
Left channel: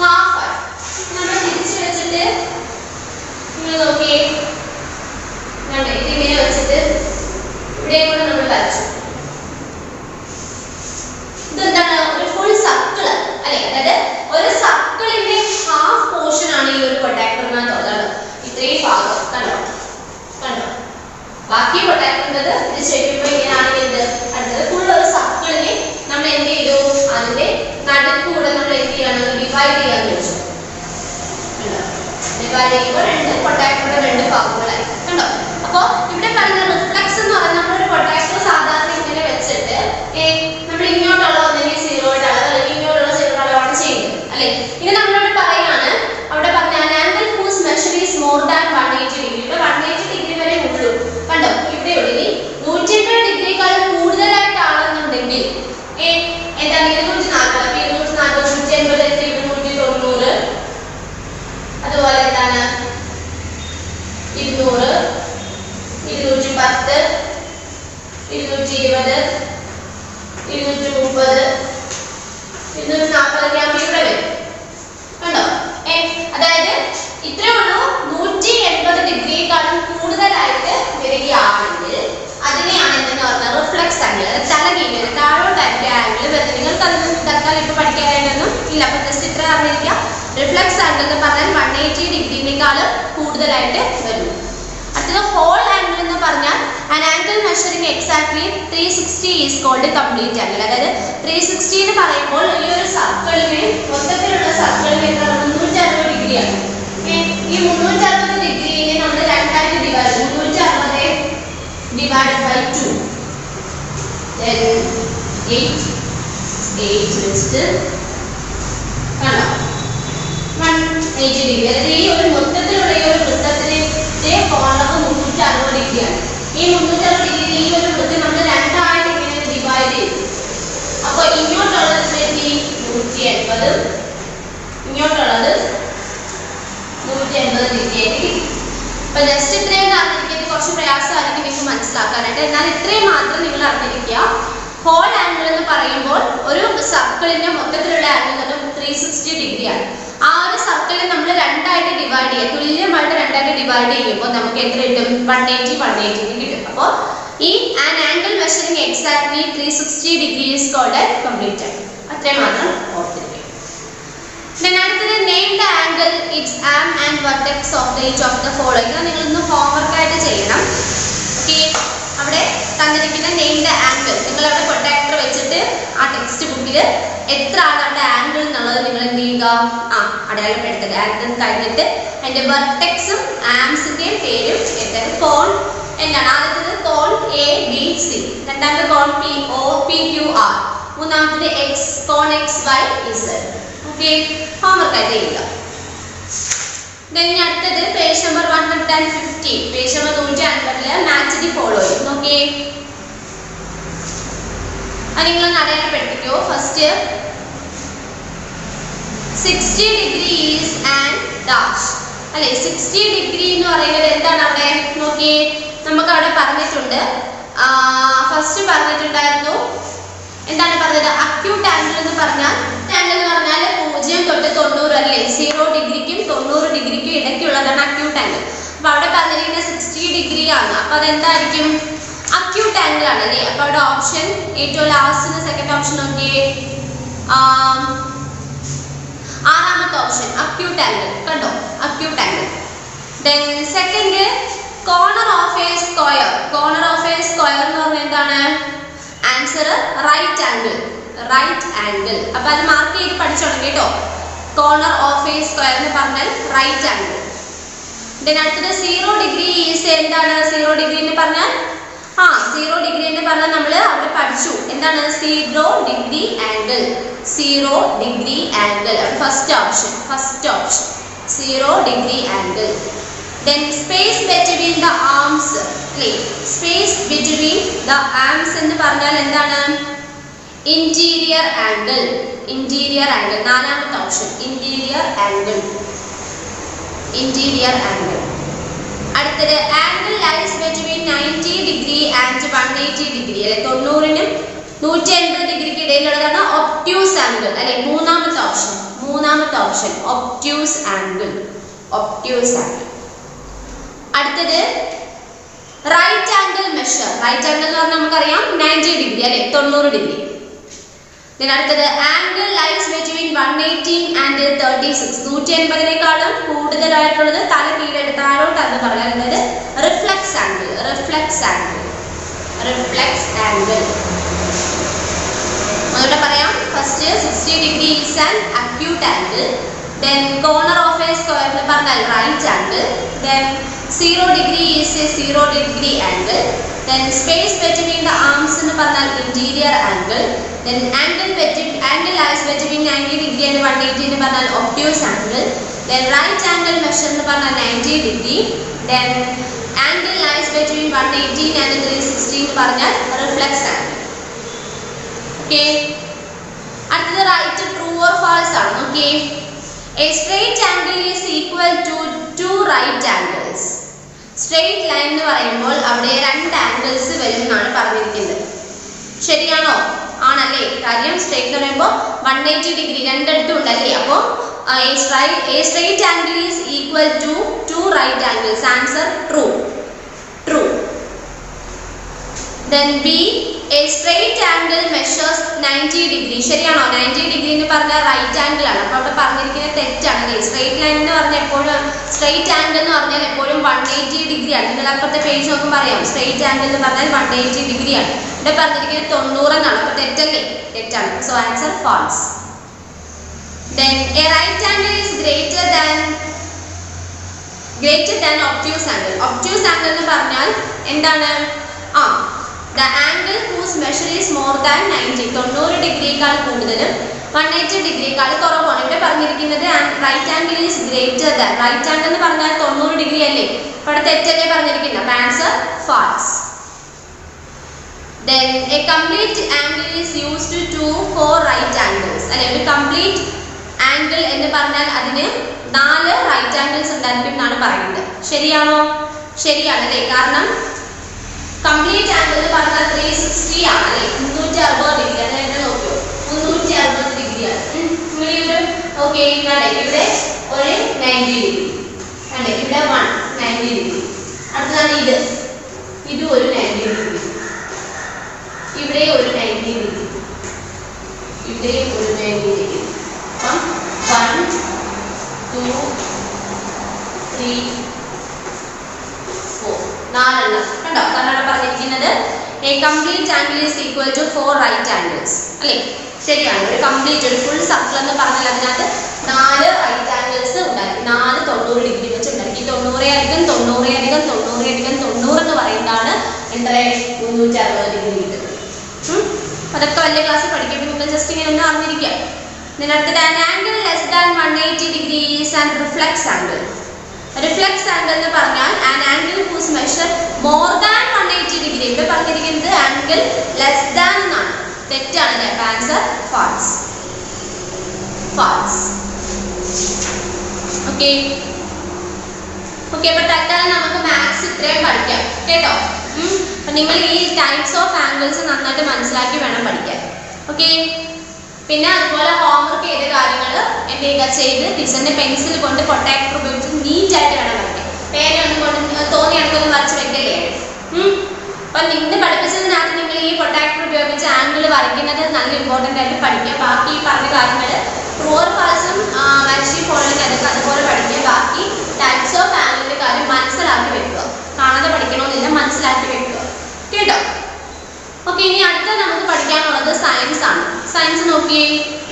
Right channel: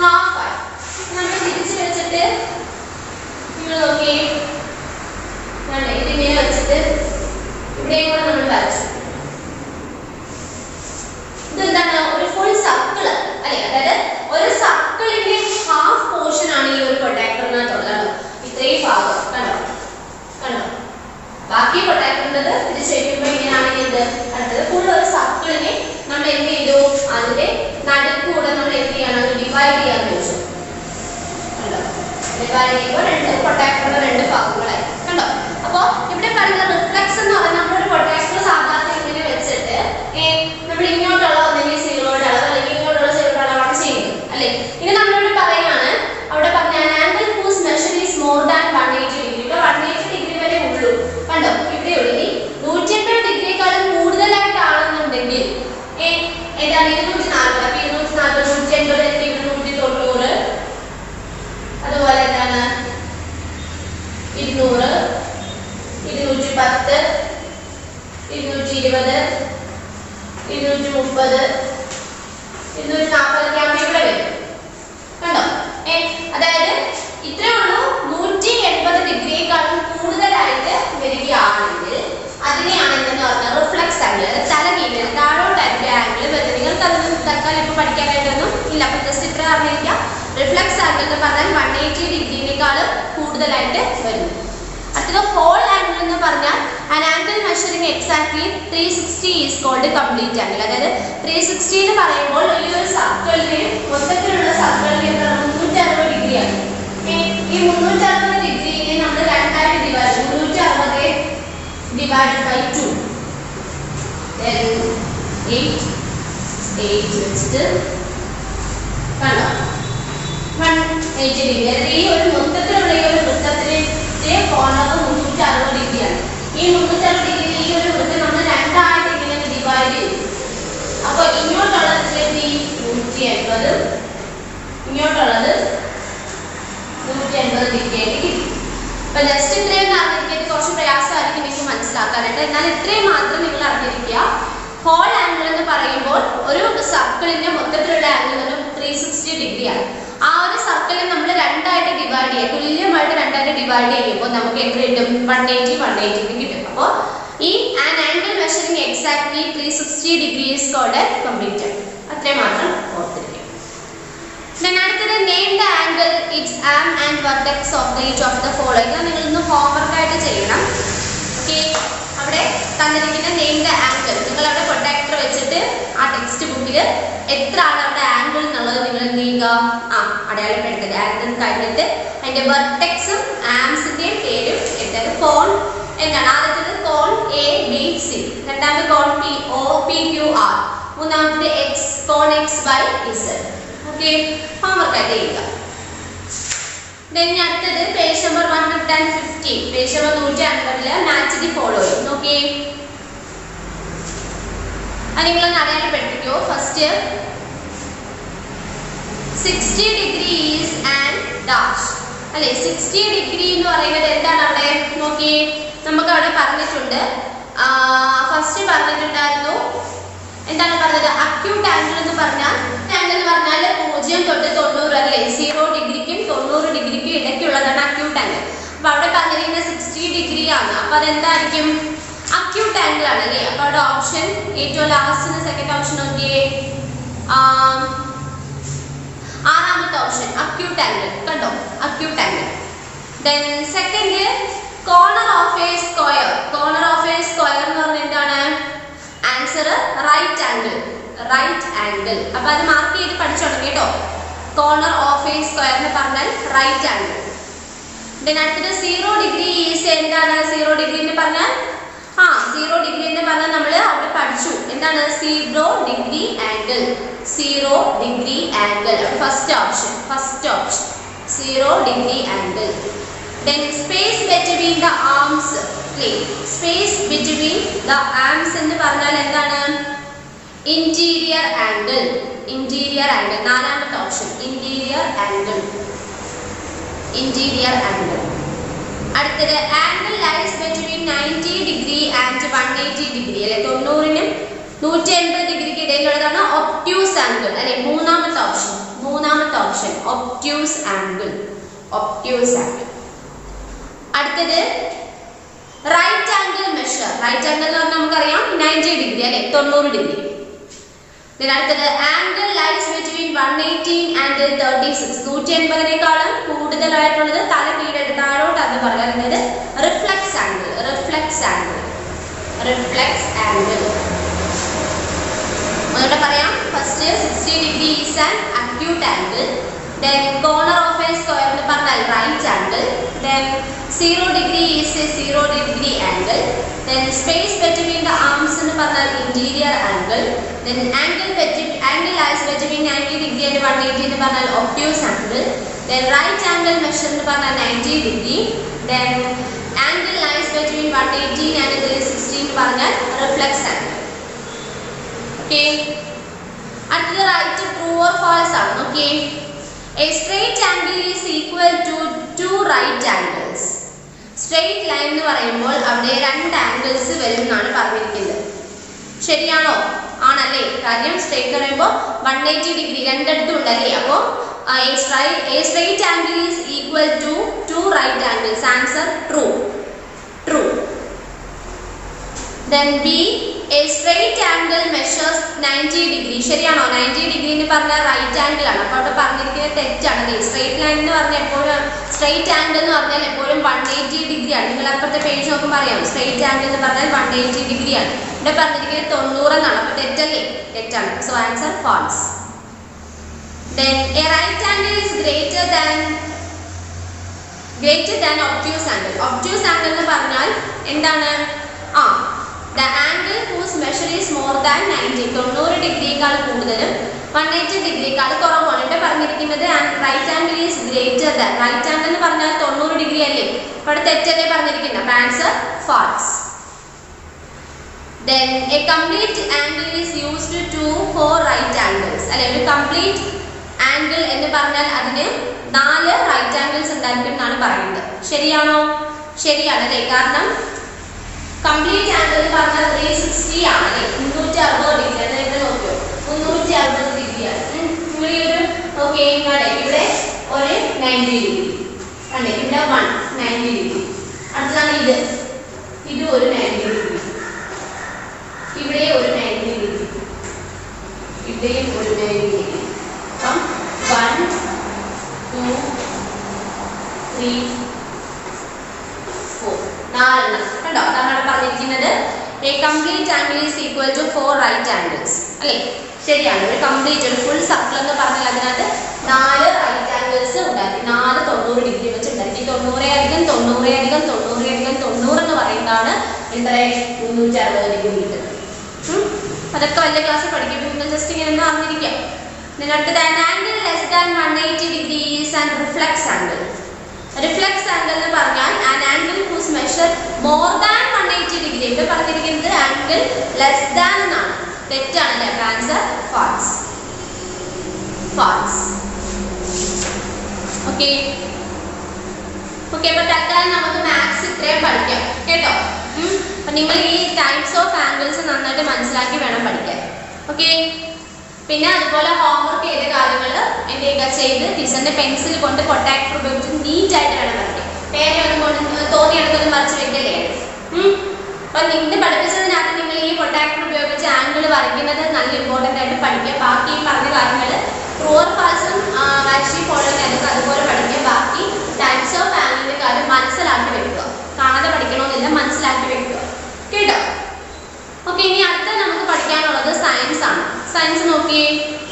ഹാഫ് ആയി നമ്മൾ തിരിച്ച് വെച്ചിട്ട് നിങ്ങൾ നോക്കി, ഇതിങ്ങനെ വെച്ചിട്ട് ഇവിടെ കൂടെ നമ്മൾ വരച്ചു. ഇതെന്താണ്, ഒരു ഫുൾ സർക്കിൾ അല്ലെ, അതായത് ഒരു സർക്കിളിന്റെ ഹാഫ് പോർഷൻ ആണ് ഈ ഒരു പ്രൊട്ടക്ടറിനകത്തുള്ളത്. ഇത്രയും ഭാഗം കണ്ടോ കണ്ടോ, ബാക്കി പ്രൊട്ടക്ടറിൻ്റെത് ഇത് ചെയ്യുമ്പോൾ ഇങ്ങനെയാണെങ്കിൽ ഇത് അടുത്തത് ഫുൾ ഒരു സർക്കിളിനെ നമ്മൾ എന്ത് ചെയ്തു, അതിന്റെ നടുക്കൂടെ നമ്മൾ എന്ത് ചെയ്യണം, ഡിവൈഡ് ചെയ്യാന്ന് വെച്ചു കണ്ടോ. ഡിവൈഡ് ചെയ്യുമ്പോൾ രണ്ട് പ്രൊട്ടക്ടറിന്റെ രണ്ട് ഭാഗങ്ങളായി കണ്ടോ. അപ്പോൾ ഇവിടെ പറയുന്ന റിഫ്ലക്സ് എന്ന് പറയുന്നത് നമ്മളൊരു പ്രൊട്ടക്ടർ സാധാരണ ഇങ്ങനെ വെച്ചിട്ട് നമ്മൾ ഇങ്ങോട്ടുള്ള ഒന്നെങ്കിൽ 0യുടെ അളവ് അല്ലെങ്കിൽ ഇങ്ങോട്ടുള്ള 0യുടെ അളവാണ് ചെയ്യുന്നത് അല്ലെ. ഇനി നമ്മളോട് പറയാണ്, അവിടെ പറഞ്ഞ 230, 240 ഗ്രാം ഇവിടെ വരും. കണ്ടോ? അതായത് ഇത്രയേ ഉള്ളൂ. 180 ഡിഗ്രിയേക്കാളും കൂടുതലായിട്ട് വരികയാണെങ്കിൽ അതിനെയാണ് എന്തെന്ന് പറഞ്ഞാൽ റിഫ്ലക്സ് ആംഗിൾ. അത് തലകീഴിൽ താഴോട്ടായിരിക്കും ആംഗിൾ വരുന്നത്. നിങ്ങൾക്ക് അതൊന്നും തൽക്കാലം ഇപ്പൊ പഠിക്കാനായിട്ടൊന്നും ഇല്ല. അപ്പൊ ജസ്റ്റ് ഇത്ര അറിഞ്ഞിരിക്കുക. റിഫ്ലക്സ് ആംഗിൾ എന്ന് പറഞ്ഞാൽ 180 ഡിഗ്രിനേക്കാളും കൂടുതലായിട്ട് വരുന്നു. അടുത്തത് ഹോൾ ആംഗിൾ എന്ന് പറഞ്ഞാൽ an angle measuring exactly 360 is called complete angle. അതായത് 360 എന്ന് പറയുമ്പോൾ ഈ ഒരു സർക്കിളിന് മൊത്തത്തിലുള്ള സർക്കിളിന് 360 ഡിഗ്രിയാണ്. ഈ 360 ഡിഗ്രിനെ നമ്മൾ രണ്ടായിട്ട് ഡിവൈഡ് 360 divided by 2 then 8 വെച്ചിട്ട് കണ്ടോ 180 ഡിഗ്രി. അതായത് ഈ ഒരു മൊത്തത്തിലുള്ള ഈ ഒരു വൃത്തത്തിന്റെ കോണർ 360 ഡിഗ്രിയാണ്. ഈ 360 ഡിഗ്രി ഈ ഒരു വൃത്തം നമ്മൾ രണ്ടായിട്ട് ഇങ്ങനെ ഡിവൈഡ് ചെയ്തു. അപ്പോൾ ഇങ്ങോട്ടുള്ളത് 180, ഇങ്ങോട്ടുള്ളത് 180 ഡിഗ്രി കിട്ടി. അപ്പൊ ജസ്റ്റ് ഇത്രയും അറിഞ്ഞിരിക്കുന്നത് കുറച്ച് പ്രയാസമായിരിക്കും നിങ്ങൾക്ക് മനസ്സിലാക്കാനായിട്ട്. എന്നാൽ ഇത്രയും മാത്രം നിങ്ങൾ അറിഞ്ഞിരിക്കുക. ഹോൾ ആംഗിൾ എന്ന് പറയുമ്പോൾ ഒരു സർക്കിളിന്റെ മൊത്തത്തിലുള്ള ആംഗിൾ എന്ന് പറഞ്ഞാൽ 360 ഡിഗ്രിയാണ്. ആ ഒരു സർക്കിളിനെ നമ്മൾ രണ്ടായിട്ട് ഡിവൈഡ് ചെയ്യുക, തുല്യമായിട്ട് രണ്ടായിട്ട് ഡിവൈഡ് ചെയ്യുമ്പോൾ നമുക്ക് എത്ര കിട്ടും? 180 കിട്ടും. അപ്പോൾ ഈ an angle measuring exactly 360 degree is called a complete angle. അത്രയും മാത്രം ഓർത്തിരിക്കുക. അടുത്തത് name the angle, it's arm and vertex of the each of the following. നിങ്ങൾ ഇന്ന് ഹോംവർക്ക് ആയിട്ട് ചെയ്യണം. ഓക്കെ, അവിടെ തന്നിരിക്കുന്ന നെയിം ദ ആംഗിൾ നിങ്ങൾ അവിടെ പ്രൊട്ടക്ടർ വെച്ചിട്ട് ആ ടെക്സ്റ്റ് ബുക്കിൽ എത്ര ആണ് അവിടെ ആംഗിൾ എന്നുള്ളത് നിങ്ങൾ എന്ത് ചെയ്യുക? അടയാളപ്പെടുത്തുക. ആംഗിൾ കഴിഞ്ഞിട്ട് അതിന്റെ വെർട്ടെക്സും ആംസിന്റെയും പേരും എഴുതുക. കോൺ എന്താണ്? ആദ്യത്തേത് കോൺ എ ബി സി, രണ്ടാമത്തെ കോൺ P O P Q R, മൂന്നാമത്തേത് എക്സ് കോൺ X Y Z. Okay, homework ആയിട്ട് ചെയ്യുക. അടുത്തത് page number 115, page number 150 match the following. നോക്കിയേ, അത് നിങ്ങളൊന്ന് അടയാളപ്പെടുത്തിക്കോ. First 60 degree is and dash അല്ലെ. 60 ഡിഗ്രി എന്ന് പറയുന്നത് എന്താണ്? അവിടെ നോക്കിയേ, നമുക്ക് അവിടെ പറഞ്ഞിട്ടുണ്ട്. ഫസ്റ്റ് പറഞ്ഞിട്ടുണ്ടായിരുന്നു എന്താണ് പറഞ്ഞത്? അക്യൂട്ട് ആംഗിൾ എന്ന് പറഞ്ഞാൽ ആംഗിൾ എന്ന് പറഞ്ഞാൽ 0 തൊട്ട് 90 അല്ലേ, 0 ഡിഗ്രിക്കും 90 ഡിഗ്രിക്കും ഇടയ്ക്കുള്ളതാണ് അക്യൂട്ട് ആംഗിൾ. അപ്പൊ അവിടെ പറഞ്ഞിരിക്കുന്ന 60 ഡിഗ്രി ആണ്. അപ്പൊ അതെന്തായിരിക്കും? അക്യൂട്ട് ആംഗിൾ ആണ് അല്ലേ. അപ്പൊ അവിടെ ഓപ്ഷൻ ഏറ്റവും ലാസ്റ്റ് സെക്കൻഡ് ഓപ്ഷൻ നോക്കിയേ, ആറാമത്തെ ഓപ്ഷൻ അക്യൂട്ട് ആംഗിൾ. കണ്ടോ, acute angle. Then second corner of a square. Corner of a square എന്ന് പറഞ്ഞാൽ എന്താണ്? Answer right angle. Right angle. അപ്പൊ അത് മാർക്ക് ചെയ്ത് പഠിച്ചോളൂ കേട്ടോ. കോർണർ ഓഫ് എ സ്ക്വയർ എന്ന് പറഞ്ഞാൽ റൈറ്റ് ആംഗിൾ. അടുത്തത് 0 ഡിഗ്രി ഈസ് എന്താണ്? 0 ഡിഗ്രി എന്ന് പറഞ്ഞാൽ 0 ഡിഗ്രി എന്ന് പറഞ്ഞാൽ നമ്മൾ അവിടെ പഠിച്ചു എന്താണ്? 0 degree angle. 0 degree angle first option. 0 degree angle. Then space between the arms. Space between the arms എന്ന് പറഞ്ഞാൽ എന്താണ്? Interior angle. ഇന്റീരിയർ ആംഗിൾ നാലാമത്തെ option. Interior angle. Interior angle. അടുത്തത് angle lies between 90 degree and 180 degree അല്ലെ. 90നും 180 ഡിഗ്രിക്ക് ഇടയിലുള്ളതാണ് ഒബ്റ്റ്യൂസ് ആംഗിൾ അല്ലെ. മൂന്നാമത്തെ option obtuse angle. Obtuse angle. അടുത്തത് right angle measure. Right angle എന്ന് പറഞ്ഞാൽ നമുക്കറിയാം 90 ഡിഗ്രി അല്ലെ, 90 ഡിഗ്രി. അടുത്തത് ആംഗിൾ ലൈസ് ബിറ്റ്വീൻ 180 ആൻഡ് 36. 180നേക്കാളും കൂടുതലായിട്ടുള്ളത് തല കീഴായിട്ട് താഴോട്ട് അത് പറയാം. അതായത് reflex angle. Reflex angle. Reflex angle ഒന്നുകൂടെ പറയാം. First 60 degree is an acute angle. Then corner of a square എന്ന് പറഞ്ഞാൽ right angle. Then 0 degree is a 0 degree angle. Then space between the arms എന്ന് പറഞ്ഞാൽ interior angle. Then angle lies between 90 degree and 180 എന്ന് പറഞ്ഞാൽ obtuse angle. Then right angle measure എന്ന് പറഞ്ഞാൽ 90 degree. Then angle lies between 180 and 360 എന്ന് പറഞ്ഞാൽ reflex angle. Okay. അടുത്തത് റൈറ്റ് ട്രൂ ഓർ ഫാൾസ് ആണ്. നോക്കിയേ, a straight angle is equal to 2 right angles. Straight line എന്ന് പറയുമ്പോൾ അവിടെ 2 ആംഗിൾസ് വരും എന്നാണ് പറഞ്ഞിരിക്കുന്നത്. ശരിയാണോ? ആണല്ലേ, കാര്യം സ്ട്രേറ്റ് എന്ന് പറയുമ്പോൾ 180 ഡിഗ്രി രണ്ടിടത്തും ഉണ്ടല്ലേ. അപ്പോൾ a straight angle is equal to 2 right angles. Answer true. Then B, a straight angle measures 90 degree. ശരിയാണോ? 90 ഡിഗ്രി എന്ന് പറഞ്ഞാൽ റൈറ്റ് ആംഗിൾ ആണ്. അപ്പോൾ അവിടെ പറഞ്ഞിരിക്കുന്നത് തെറ്റാണ്. സ്ട്രേറ്റ് ലൈൻ എന്ന് പറഞ്ഞാൽ എപ്പോഴും സ്ട്രേറ്റ് ആംഗിൾ എന്ന് പറഞ്ഞാൽ എപ്പോഴും 180 ഡിഗ്രി ആണ്. നിങ്ങൾ അപ്പുറത്തെ പേജ് നോക്കുമ്പോൾ അറിയാം സ്ട്രേറ്റ് ആംഗിൾ എന്ന് പറഞ്ഞാൽ 180 ഡിഗ്രി ആണ്. ഇവിടെ പറഞ്ഞിരിക്കുന്നത് 90 എന്നാണ്. അപ്പോൾ തെറ്റല്ലേ? തെറ്റാണ്. So answer false. Then a right angle is greater than obtuse angle. Obtuse angle എന്ന് പറഞ്ഞാൽ എന്താണ്? the angle whose measure is more than 90. 90 ഡിഗ്രിയേക്കാൾ കൂടുതലും 180 ഡിഗ്രിയേക്കാൾ കുറവാണ്. ഇവിടെ പറഞ്ഞിരിക്കുന്നത് right angle is greater than. Right angle എന്ന് പറഞ്ഞാൽ 90 ഡിഗ്രി അല്ലേ. അപ്പോൾ അവിടെ തെറ്റല്ലേ പറഞ്ഞിരിക്കുന്നത്. അപ്പോൾ answer false. Then a complete angle is used for right angles. അല്ലെ, ഒരു കംപ്ലീറ്റ് ആംഗിൾ എന്ന് പറഞ്ഞാൽ അതിന് 4 റൈറ്റ് ആംഗിൾസ് ഉണ്ടായിരിക്കും എന്നാണ് പറയുന്നത്. ശരിയാണോ? ശരിയാണല്ലേ. കാരണം കംപ്ലീറ്റ് ആംഗിൾ എന്ന് പറഞ്ഞാൽ 360 ആണ് അല്ലേ, 360 ഡിഗ്രി. അതായത് നോക്കിയോ 360 ഡിഗ്രിയാണ്. നിങ്ങൾ ഈ ഒരു ഓക്കെ ഇവിടെ ഒരു 90 ഡിഗ്രി അല്ലേ, ഇവിടെ 90 ഡിഗ്രി. അടുത്തതാണ് ഇത് ഒരു 90 ഡിഗ്രി, ഇവിടെ ഒരു 90 ഡിഗ്രി, ഇവിടെയും ഒരു 90 ഡിഗ്രി. അപ്പം 1 2 3 4 4 കണ്ടോ? കാരണം പറഞ്ഞിരിക്കുന്നത് a complete angle is equal to 4 right angles അല്ലേ. ശരിയാണ്. ഒരു കംപ്ലീറ്റ് ഒരു ഫുൾ സർക്കിൾ എന്ന് പറഞ്ഞാൽ അതിനകത്ത് 4 റൈറ്റ് ആംഗിൾസ് ഉണ്ടായിരിക്കും. 4 90 ഡിഗ്രി വെച്ച് ഉണ്ടായിരിക്കും. 90 അധികം 90 അധികം 90 അധികം 90 എന്ന് പറയുന്നതാണ് എത്ര 360 ഡിഗ്രി കിട്ടുന്നത്. അതൊക്കെ വലിയ ക്ലാസ്സിൽ പഠിക്കുമ്പോൾ നിങ്ങൾ ജസ്റ്റ് ഇങ്ങനെ ഒന്ന് അറിഞ്ഞിരിക്കാം. അടുത്തത് an angle less than 180 degree is an reflex angle. Reflex angle എന്ന് പറഞ്ഞാൽ an angle whose measure more than 180 degree. ഇവിടെ പറഞ്ഞിരിക്കുന്നത് angle less than എന്നാണ്. തെറ്റാണ് അല്ലേ. അപ്പോൾ ആൻസർ ഫാൾസ്. ഓക്കെ. അപ്പോൾ തൽക്കാലം നമുക്ക് മാത്സ് ഇത്രയും പഠിക്കാം കേട്ടോ. അപ്പം നിങ്ങൾ ഈ ടൈപ്സ് ഓഫ് ആംഗിൾസ് നന്നായിട്ട് മനസ്സിലാക്കി വേണം പഠിക്കാൻ. ഓക്കെ. പിന്നെ അതുപോലെ ഹോംവർക്ക് ചെയ്ത കാര്യങ്ങൾ എന്ത് ചെയ്യുക ചെയ്ത് ടീച്ചറിന്റെ പെൻസിൽ കൊണ്ട് പ്രൊട്ടക്ടർ ഉപയോഗിച്ച് നീറ്റായിട്ട് വേണം പഠിക്കാൻ. പേരൊന്നും കൊണ്ട് തോന്നി എടുക്കൊന്നും വരച്ച് വെക്കല്ലേ. അപ്പം നിങ്ങൾ പഠിപ്പിച്ചതിനകത്ത് നിങ്ങൾ ഈ പ്രൊട്ടക്ടർ ഉപയോഗിച്ച് ആംഗിൾ വരയ്ക്കുന്നത് നല്ല ഇമ്പോർട്ടൻ്റ് ആയിട്ട് പഠിക്കുക. ബാക്കി ഈ പറഞ്ഞ കാര്യങ്ങൾ ട്രൂ ഓർ ഫാൾസും വാക്സിൻ ഫോളോയിങ് അതൊക്കെ അതുപോലെ പഠിക്കുക. ബാക്കി ടൈപ്സ് ഓഫ് ആംഗിളിന്റെ കാര്യം മനസ്സിലാക്കി വെക്കുക. കാണാതെ പഠിക്കണമെന്നില്ല, മനസ്സിലാക്കി വെക്കുക കേട്ടോ. ഓക്കെ. ഇനി അടുത്ത നമുക്ക് പഠിക്കാനുള്ളത് സയൻസ് ആണ്. സയൻസ് നോക്കിയേ.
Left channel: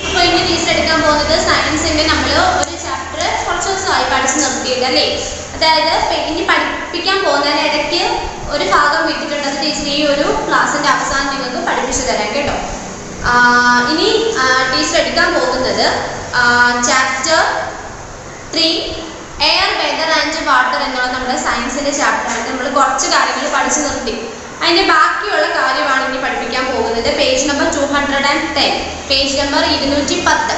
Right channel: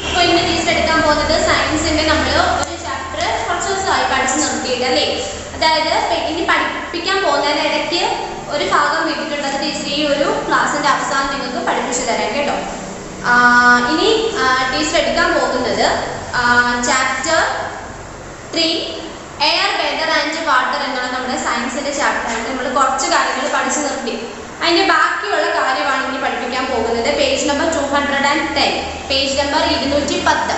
അപ്പോൾ ഇന്ന് ടീച്ചർ എടുക്കാൻ പോകുന്നത് സയൻസിന്റെ നമ്മൾ ഒരു ചാപ്റ്റർ കുറച്ച് ദിവസമായി പഠിച്ച് നിർത്തിയിട്ട് അല്ലേ. അതായത് ഇനി പഠിപ്പിക്കാൻ പോകുന്നതിന് ഇടയ്ക്ക് ഒരു ഭാഗം വിട്ടിട്ടുള്ളത് ടീച്ചർ ഈ ഒരു ക്ലാസ്സിന്റെ അവസാനം നിങ്ങൾക്ക് പഠിപ്പിച്ചു തരാം കേട്ടോ. ഇനി ടീച്ചർ എടുക്കാൻ പോകുന്നത് chapter 3 air weather and water എന്നുള്ള നമ്മുടെ സയൻസിന്റെ ചാപ്റ്ററാണ്. നമ്മൾ കുറച്ച് കാര്യങ്ങൾ പഠിച്ചു നിർത്തി. അതിന്റെ ബാക്കിയുള്ള കാര്യമാണ് ഇനി പഠിപ്പിക്കാൻ പോകുന്നത്. Page number 210, page number 210.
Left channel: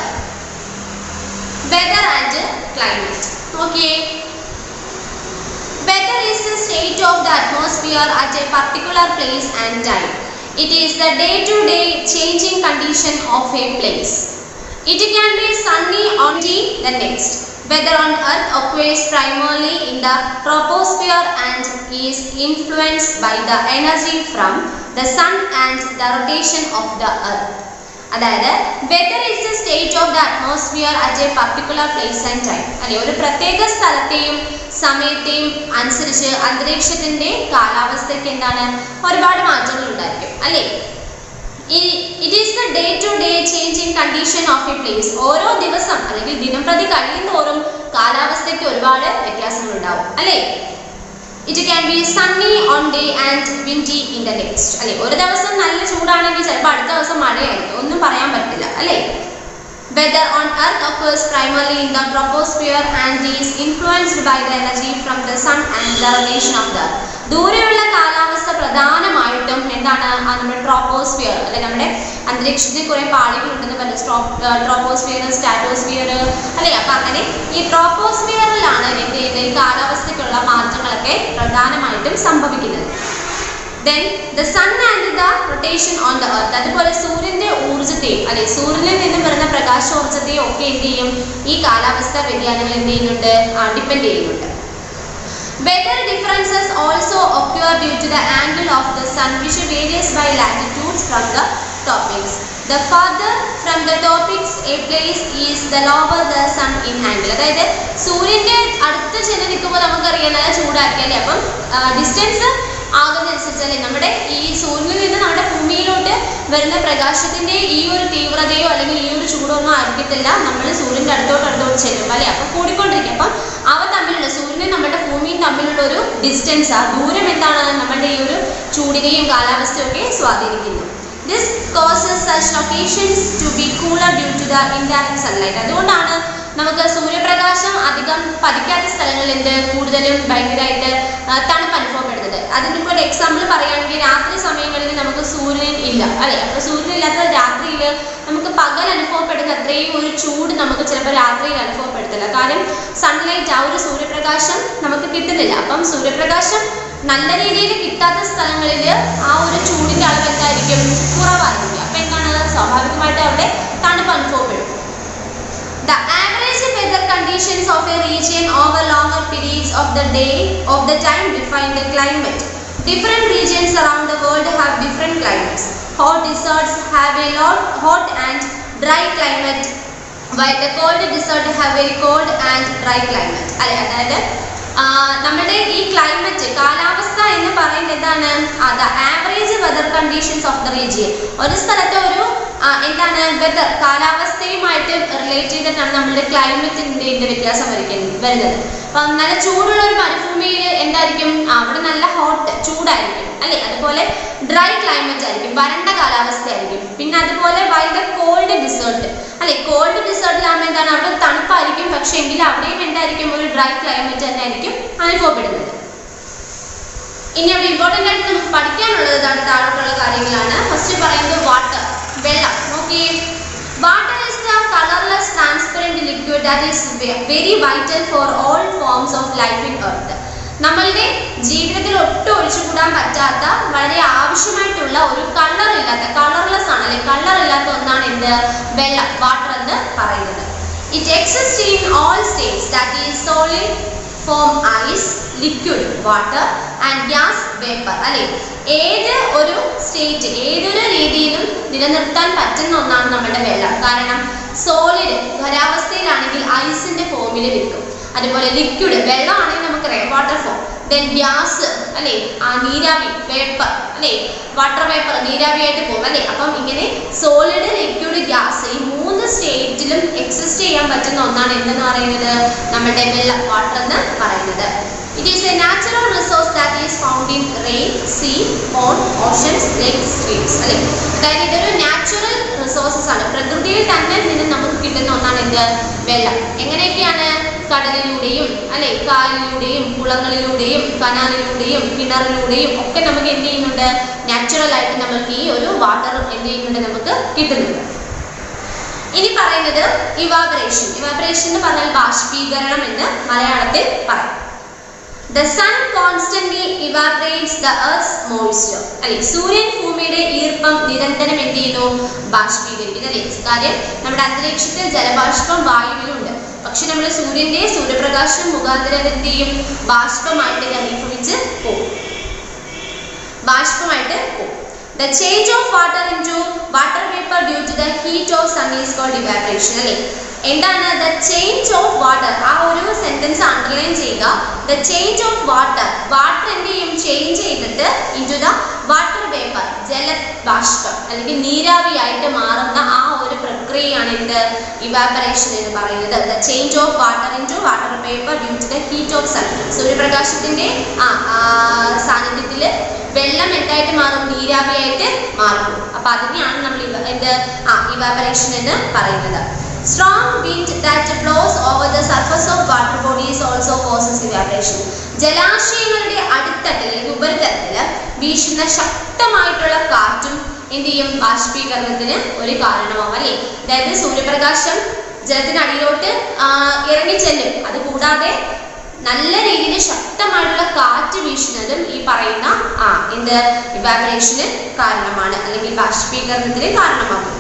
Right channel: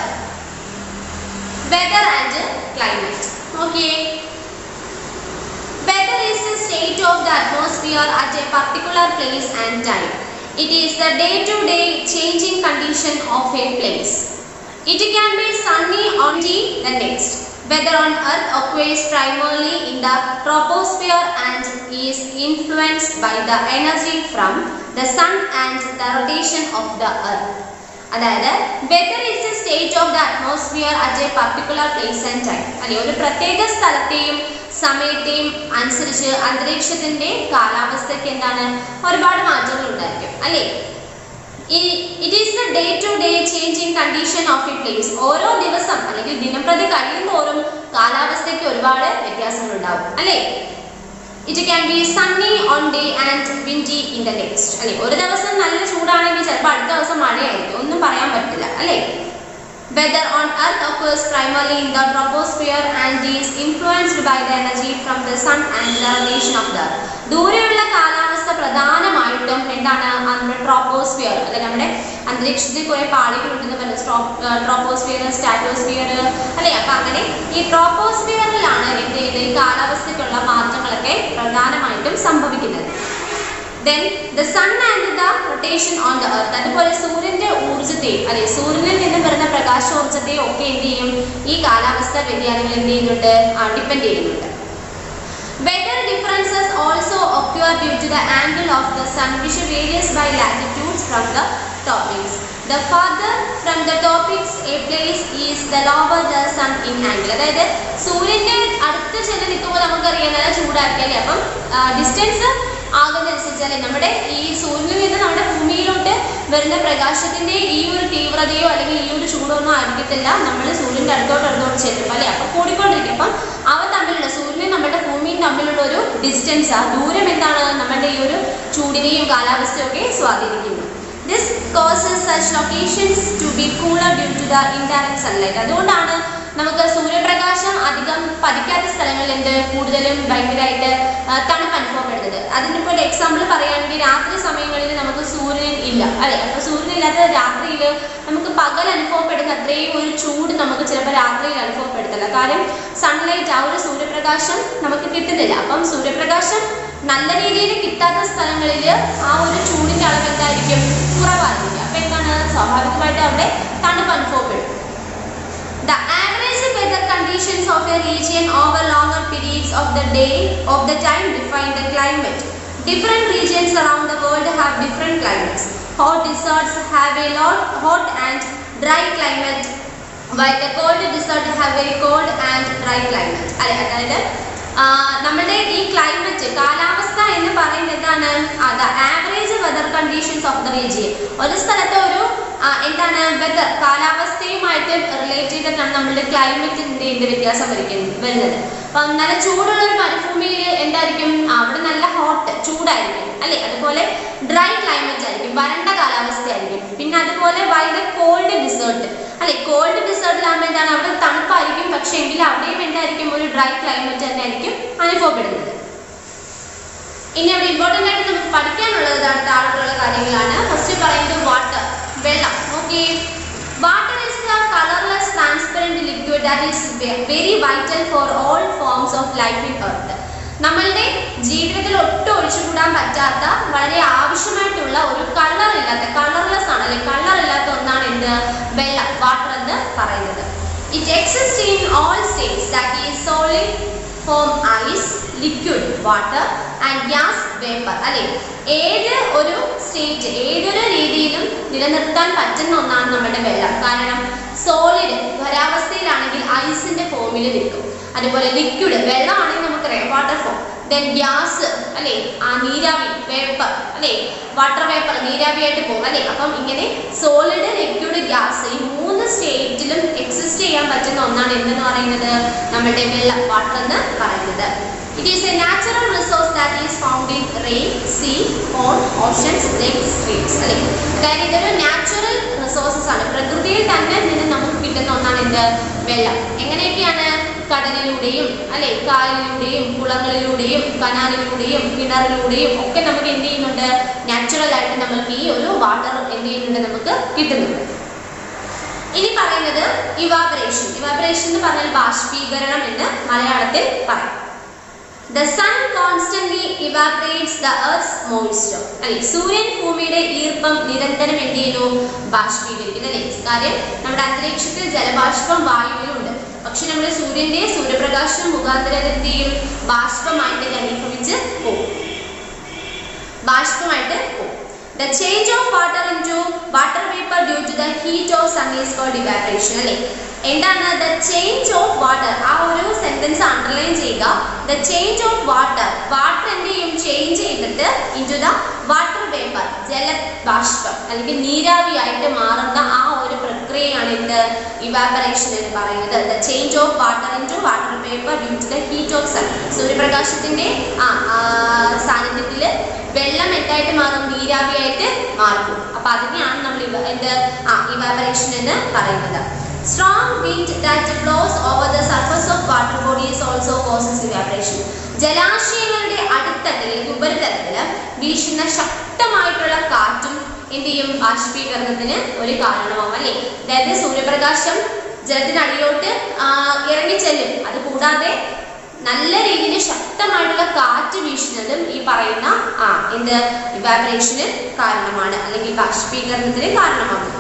Weather and climate. നോക്കിയേ. Weather is the state of the atmosphere at a particular place and time. It is the day to day changing condition of a place. It can be sunny on the next. Weather on Earth occurs primarily in the troposphere and is influenced by the energy from the sun and the rotation of the Earth. അതായത് weather is the state of the atmosphere at a particular place and time. അല്ലെ, ഒരു പ്രത്യേക സ്ഥലത്തെയും സമയത്തെയും അനുസരിച്ച് അന്തരീക്ഷത്തിന്റെ കാലാവസ്ഥയ്ക്ക് എന്താണ് ഒരുപാട് മാറ്റങ്ങൾ ഉണ്ടായിരിക്കും അല്ലേ. It is the day-to-day changing condition of a place. ഓരോ ദിവസം അല്ലെങ്കിൽ ദിനം പ്രതി കഴിയുന്തോറും കാലാവസ്ഥയ്ക്ക് ഒരുപാട് വ്യത്യാസങ്ങൾ ഉണ്ടാവും അല്ലേ. It can be sunny on day and windy in the next. അല്ലേ, ഒരു ദിവസം നല്ല ചൂടാണെങ്കിൽ ചിലപ്പോൾ അടുത്ത ദിവസം മഴയായിരിക്കും, ഒന്നും പറയാൻ പറ്റില്ല അല്ലേ. Weather on Earth occurs primarily in the troposphere and is influenced by the energy from the sun and the rotation of the Earth. ദൂരെയുള്ള കാലാവസ്ഥ പ്രധാനമായിട്ടും എന്താണ് നമ്മുടെ ട്രോപ്പോസ്ഫിയർ അല്ലെ, നമ്മുടെ അന്തരീക്ഷത്തിൽ കുറെ പാളികളുണ്ടെന്ന് പറഞ്ഞ ട്രോപ്പോസ്ഫിയർ, സ്റ്റാറ്റോസ്ഫിയർ അല്ലേ. അപ്പം അങ്ങനെ ഈ ട്രോപ്പോസ്ഫിയറിലാണ് എന്ത് ചെയ്യുന്നത് ഈ കാലാവസ്ഥയ്ക്കുള്ള മാറ്റങ്ങളൊക്കെ പ്രധാനമായിട്ടും സംഭവിക്കുന്നത്. Then the sun and the rotation on the earth. അതുപോലെ സൂര്യന്റെ ഊർജ്ജത്തെയും അല്ലെ സൂര്യനിൽ നിന്നും വരുന്ന പ്രകാശോർജ്ജത്തെയും ഒക്കെ എന്ത് ചെയ്യും ഈ കാലാവസ്ഥ വ്യതിയാനങ്ങൾ എന്ത് ചെയ്യുന്നുണ്ട് ഡിപ്പെൻഡ് ചെയ്യുന്നുണ്ട്. Weather differences also occur due to the angle of the sun which varies by latitudes from the tropics. The farther from the tropics a place is, the lower the sun in angle. അതായത് സൂര്യന്റെ അടുത്ത് ചെന്ന് നിൽക്കുമ്പോൾ നമുക്കറിയാം നല്ല ചൂടായിരിക്കും അല്ലേ. അപ്പം ഡിസ്റ്റൻസ് ആകുന്നതനുസരിച്ച് നമ്മുടെ ഈ സൂര്യനിൽ നിന്ന് നമ്മുടെ ഭൂമിയിലോട്ട് വരുന്ന പ്രകാശത്തിന്റെ ഈ ഒരു തീവ്രതയോ അല്ലെങ്കിൽ ഈ ഒരു ചൂടോ ഒന്നും ആയിരിക്കത്തില്ല നമ്മൾ സൂര്യന്റെ അടുത്തോട്ട് ചെല്ലുമ്പോൾ അല്ലെ. അപ്പം കൂടിക്കൊണ്ടിരിക്കും. അപ്പം അവ തമ്മിലുള്ള സൂര്യനും നമ്മുടെ ഭൂമിയും തമ്മിലുള്ള ഒരു ഡിസ്റ്റൻസ് ആ ദൂരം എന്താണ് നമ്മുടെ ഈ ഒരു ചൂടിനെയും കാലാവസ്ഥയും ഒക്കെ സ്വാധീനിക്കുന്നു. This causes such locations to be cooler due to the indirect sunlight. അതുകൊണ്ടാണ് നമുക്ക് സൂര്യപ്രകാശം അധികം പതിക്കാത്ത സ്ഥലങ്ങളിൽ എന്ത് കൂടുതലും ഭയങ്കരമായിട്ട് തണുപ്പ് അനുഭവപ്പെടുന്നത്. അതിനിപ്പോൾ ഒരു എക്സാമ്പിൾ പറയുകയാണെങ്കിൽ രാത്രി സമയങ്ങളിൽ നമുക്ക് സൂര്യൻ ഇല്ല അല്ലെ. അപ്പോൾ സൂര്യൻ ഇല്ലാത്ത രാത്രിയിൽ നമുക്ക് പകൽ അനുഭവപ്പെടുന്ന അത്രയും ഒരു ചൂട് നമുക്ക് ചിലപ്പോൾ രാത്രിയിൽ അനുഭവപ്പെടുത്തില്ല. കാരണം സൺലൈറ്റ് ആ ഒരു സൂര്യപ്രകാശം നമുക്ക് കിട്ടുന്നില്ല. അപ്പം സൂര്യപ്രകാശം നല്ല രീതിയിൽ കിട്ടാത്ത സ്ഥലങ്ങളിൽ ആ ഒരു ചൂടിന്റെ അളവ് എന്തായിരിക്കും കുറവായിരിക്കും. അപ്പം എന്താണ് സ്വാഭാവികമായിട്ട് അവിടെ തണുപ്പ് അനുഭവപ്പെടും. The average weather conditions of a region over longer periods of the time define the climate. Different regions around the world have different climates. Hot deserts have a hot and dry climate, while the cold desert have very cold and dry climate. അതായത് നമ്മുടെ ഈ ക്ലൈമറ്റ് കാലാവസ്ഥ എന്ന് പറയുന്നത് എന്താണ് the average weather conditions of the region. ഒരു സ്ഥലത്തെ ഒരു എന്താണ് വെതർ കാലാവസ്ഥയുമായിട്ട് റിലേറ്റ് ചെയ്തിട്ടാണ് നമ്മളുടെ ക്ലൈമറ്റിന്റെ വ്യത്യാസം വരുന്നത്. അപ്പം നല്ല ചൂടുള്ള ഒരു മരുഭൂമിയിൽ എന്തായിരിക്കും അവിടെ നല്ല ഹോട്ട് ചൂടായിരിക്കും അല്ലെ. അതുപോലെ ഡ്രൈ ക്ലൈമറ്റ് ആയിരിക്കും വരണ്ട കാലാവസ്ഥയായിരിക്കും. പിന്നെ അതുപോലെ വൈൽ ദ കോൾഡ് ഡിസേർട്ട് അല്ലെ. കോൾഡ് ഡിസേർട്ടിലാകുമ്പോൾ എന്താണ് അവിടെ തണുപ്പായിരിക്കും പക്ഷെ എങ്കിൽ അവിടെയും എന്തായിരിക്കും ഒരു ഡ്രൈ ക്ലൈമറ്റ് തന്നെ ആയിരിക്കും അനുഭവപ്പെടുന്നത്. ഇനി അവിടെ ഇമ്പോർട്ടൻ്റ് ആയിട്ട് നമുക്ക് പഠിക്കാനുള്ളത് താഴോട്ടുള്ള കാര്യങ്ങളാണ്. ഫസ്റ്റ് പറയുന്നത് വാട്ടർ വെള്ളം. നോക്കിയേ, water is the colorless transparent liquid that is very vital for all forms of life in earth. നമ്മളുടെ ജീവിതത്തിൽ ഒട്ടും ഒഴിച്ചുകൂടാൻ പറ്റാത്ത വളരെ ആവശ്യമായിട്ടുള്ള ഒരു കളർലെസ് ആണ് അല്ലെ. കളറില്ലാത്ത ഒന്നാണ് എന്ത് വെള്ളം വാട്ടർ എന്ന് പറയുന്നത്. It exists in all states, that is solid form ice, liquid water and gas vapor അല്ലെ. ഏത് ഒരു സ്റ്റേറ്റ് ഏതൊരു രീതിയിലും നിലനിർത്താൻ പറ്റുന്ന ഒന്നാണ് നമ്മുടെ വെള്ളം. കാരണം സോളിഡ് ഖരാവസ്ഥയിലാണെങ്കിൽ ഐസിന്റെ ഫോമിൽ നിൽക്കും. അതുപോലെ ലിക്വിഡ് വെള്ളമാണെങ്കിൽ നമുക്കറിയാം വാട്ടർ ഫോം. ദെൻ ഗ്യാസ് അല്ലെ ആ നീരാവി വേപ്പർ അല്ലെ വാട്ടർ വേപ്പർ നീരാവിയായിട്ട് പോകും അല്ലെ. അപ്പം ഇങ്ങനെ സോളിഡ് ലിക്വിഡ് ഗ്യാസ് ഈ 3 സ്റ്റേറ്റിലും എക്സിസ്റ്റ് ചെയ്യാൻ പറ്റുന്ന ഒന്നാണ് എന്തെന്ന് പറയുന്നത് നമ്മുടെ വെള്ളം വാട്ടർ എന്ന് പറയുന്നത്. It is a natural resource that is found in rain, sea, pond, oceans, lakes, streams അല്ലെ. അതായത് ഇതൊരു നാച്ചുറൽ റിസോഴ്സസ് ആണ്. പ്രകൃതിയിൽ തന്നെ നിന്ന് നമുക്ക് കിട്ടുന്ന ഒന്നാണ് എന്ത് വെള്ളം. എങ്ങനെയൊക്കെയാണ് കടലിലൂടെയും അല്ലെ കായലിലൂടെയും കുളങ്ങളിലൂടെയും കനാലിലൂടെയും കിണറിലൂടെയും ഒക്കെ നമുക്ക് എന്ത് ചെയ്യുന്നുണ്ട് നാച്ചുറൽ ആയിട്ട് നമുക്ക് ഈ ഒരു വാട്ടർ എന്ത് ചെയ്യുന്നുണ്ട് നമുക്ക് കിട്ടുന്നുണ്ട്. ഇനി പറയുന്നത് ഇവാപറേഷൻ. ഇവാപറേഷൻ എന്ന് പറഞ്ഞാൽ ബാഷ്പീകരണം എന്ന് മലയാളത്തിൽ പറയും. The sun constantly evaporates the earth's moisture അല്ലെ. സൂര്യൻ ഭൂമിയുടെ ഈർപ്പം നിരന്തരം എന്ത് ചെയ്യുന്നു ബാഷ്പീകരിക്കുന്നു അല്ലെ. കാര്യം നമ്മുടെ അന്തരീക്ഷത്തിൽ ജലബാഷ്പം വായുവിലുണ്ട്. പക്ഷെ നമ്മൾ സൂര്യപ്രകാശം മുഖാന്തരം എന്ത് ചെയ്യും ബാഷ്പമായിട്ട് ഘനീഭവിച്ച് പോകും. The change of water into water vapor due to the heat of sun is called evaporation അല്ലെ. എന്താണ് ദ ചേഞ്ച് ഓഫ് വാട്ടർ? ആ ഒരു സെന്റൻസ് അണ്ടർലൈൻ ചെയ്യുക. ദ ചേഞ്ച് ഓഫ് വാട്ടർ എന്ത് ചെയ്യും ചേഞ്ച് ചെയ്തിട്ട് ഇൻടു ദ വാട്ടർ വേപ്പർ ജലബാഷ്പം അല്ലെങ്കിൽ നീരാവിയായിട്ട് മാറുന്ന ആ ഒരു പ്രക്രിയയാണ് എന്ത് ഇവാപറേഷൻ എന്ന് പറയുന്നത്. The change of water into water vapour due to the heat of sun. സൂര്യപ്രകാശത്തിന്റെ സാന്നിധ്യത്തിൽ വെള്ളം എന്തായിട്ട് മാറും നീരാവിയായിട്ട് മാറും. അപ്പൊ അതിനെയാണ് നമ്മൾ ഇവാപറേഷൻ എന്ന് പറയുന്നത്. Strong wind that blows over the surface of water bodies also causes evaporation. ജലാശയങ്ങളുടെ അടിത്തട്ടിൽ അല്ലെങ്കിൽ ഉപരിതലത്തിൽ വീശുന്ന ശക്തമായിട്ടുള്ള കാറ്റും എന്ത് ചെയ്യും ബാഷ്പീകരണത്തിന് ഒരു കാരണമാവും അല്ലേ. അതായത് സൂര്യപ്രകാശം ജലത്തിനടിയിലോട്ട് ഇറങ്ങിച്ചെല്ലും. അത് കൂടാതെ നല്ല രീതിയിൽ ശക്തമായിട്ടുള്ള കാറ്റ് വീശുന്നതും ഈ പറയുന്ന ഇവാപറേഷന് കാരണമാണ്, അല്ലെങ്കിൽ ബാഷ്പീകരണത്തിന് കാരണമാകും.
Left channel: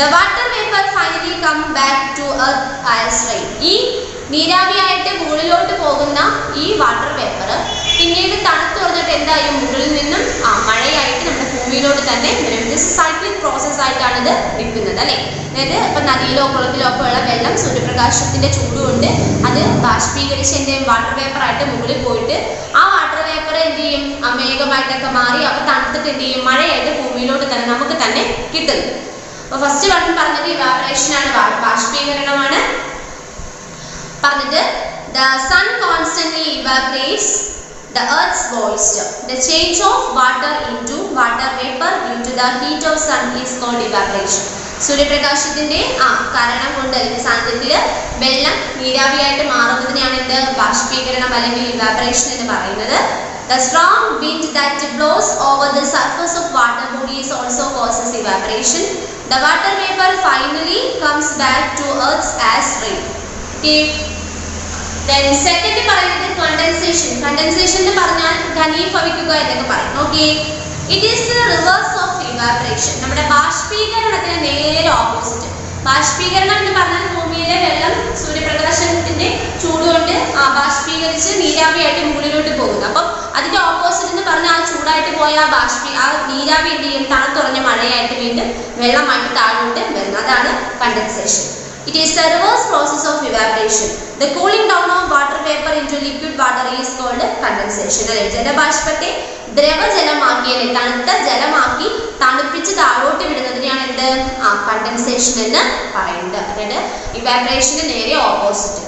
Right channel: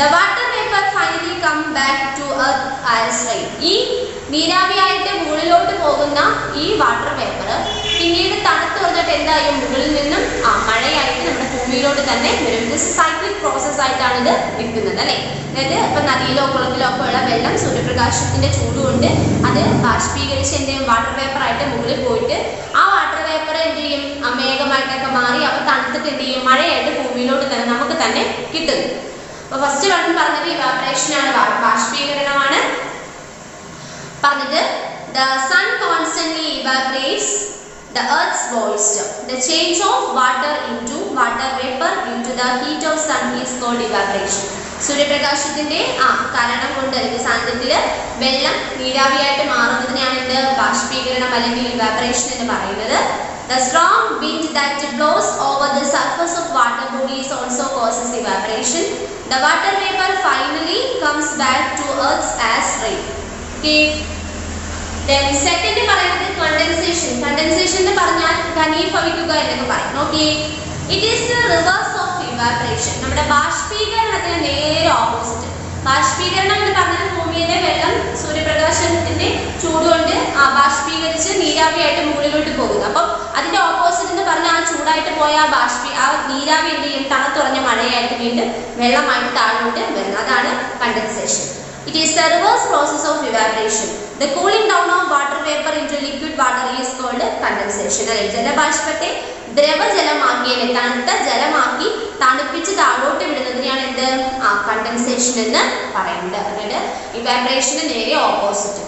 The water vapor finally come back to earth as rain. ഈ നീരാവിയായിട്ട് മുകളിലോട്ട് പോകുന്ന ഈ വാട്ടർ വേപ്പർ പിന്നീട് തണുത്ത് തുറന്നിട്ട് എന്തായും മുകളിൽ നിന്നും മഴയായിട്ട് നമ്മുടെ ഭൂമിയിലോട്ട് തന്നെ വരും. ഇത് സൈക്ലിക് പ്രോസസ് ആയിട്ടാണ് ഇത് നിൽക്കുന്നത് അല്ലേ. അതായത് ഇപ്പൊ നദിയിലോ കുളത്തിലോ ഒക്കെ ഉള്ള വെള്ളം സൂര്യപ്രകാശത്തിന്റെ ചൂടുകൊണ്ട് അത് ബാഷ്പീകരിച്ച് എന്ത് ചെയ്യും, വാട്ടർ വേപ്പർ ആയിട്ട് മുകളിൽ പോയിട്ട് ആ വാട്ടർ വേപ്പർ എന്ത് ചെയ്യും, മേഘമായിട്ടൊക്കെ മാറി അവ തണുത്തിട്ട് എന്ത് ചെയ്യും, മഴയായിട്ട് ഭൂമിയിലോട്ട് തന്നെ നമുക്ക് തന്നെ കിട്ടുന്നു. അപ്പൊ ഫസ്റ്റ് പറഞ്ഞത് ഇവാപറേഷൻ ആണ്, ബാഷ്പീകരണമാണ് പറഞ്ഞത്. The sun constantly evaporates the earth's moisture. The change of water into water vapor due to the heat of sun is called evaporation. സൂര്യപ്രകാശത്തിന്റെ കാരണം കൊണ്ട് അല്ലെങ്കിൽ സാന്നിധ്യത്തിൽ വെള്ളം നീരാവിയായിട്ട് മാറുന്നതിനെയാണ് ഇത് ബാഷ്പീകരണം അല്ലെങ്കിൽ ഇവാപറേഷൻ എന്ന് പറയുന്നത്. The strong wind that blows over the surface of water bodies also causes evaporation. The water vapor finally comes back to earth as rain. Okay. Then second പറയുന്നത് condensation. Condensation എന്ന് പറഞ്ഞാൽ ഘനീഭവിക്കുക എന്നൊക്കെ പറയും. Okay. It is the reverse of evaporation. നമ്മുടെ ബാഷ്പീകരണത്തിന് നേരെ ഓപ്പോസിറ്റ്. ബാഷ്പീകരണം എന്ന് പറഞ്ഞാൽ ഭൂമിയിലെ വെള്ളം സൂര്യപ്രകാശത്തിന്റെ ചൂടുകൊണ്ട് ബാഷ്പീകരിച്ച് നീരാവിയായിട്ട് മുകളിലോട്ട് പോകുന്നു. അപ്പം അതിന്റെ ഓപ്പോസിറ്റ് എന്ന് പറഞ്ഞാൽ ആ ചൂടായിട്ട് പോയ ആ നീരാവി എന്ത് ചെയ്യും, തണുത്തുറഞ്ഞ മഴയായിട്ട് വീണ്ടും വെള്ളമായിട്ട് താഴോട്ട് വരുന്നു. അതാണ് condensation. It is the reverse process of evaporation. The cooling down of water vapor into liquid water is called condensation. അല്ലെ, ജലബാഷ്പത്തെ ദ്രവജലമാക്കി അല്ലെ തണുത്ത ജലമാക്കി തണുപ്പിച്ച് താഴോട്ട് വിടുന്നതിനെയാണ് എന്ത് കണ്ടൻസേഷൻ എന്ന് പറയുന്നത്. അതായത് ഇവാപറേഷന് നേരെ ഓപ്പോസിറ്റ്.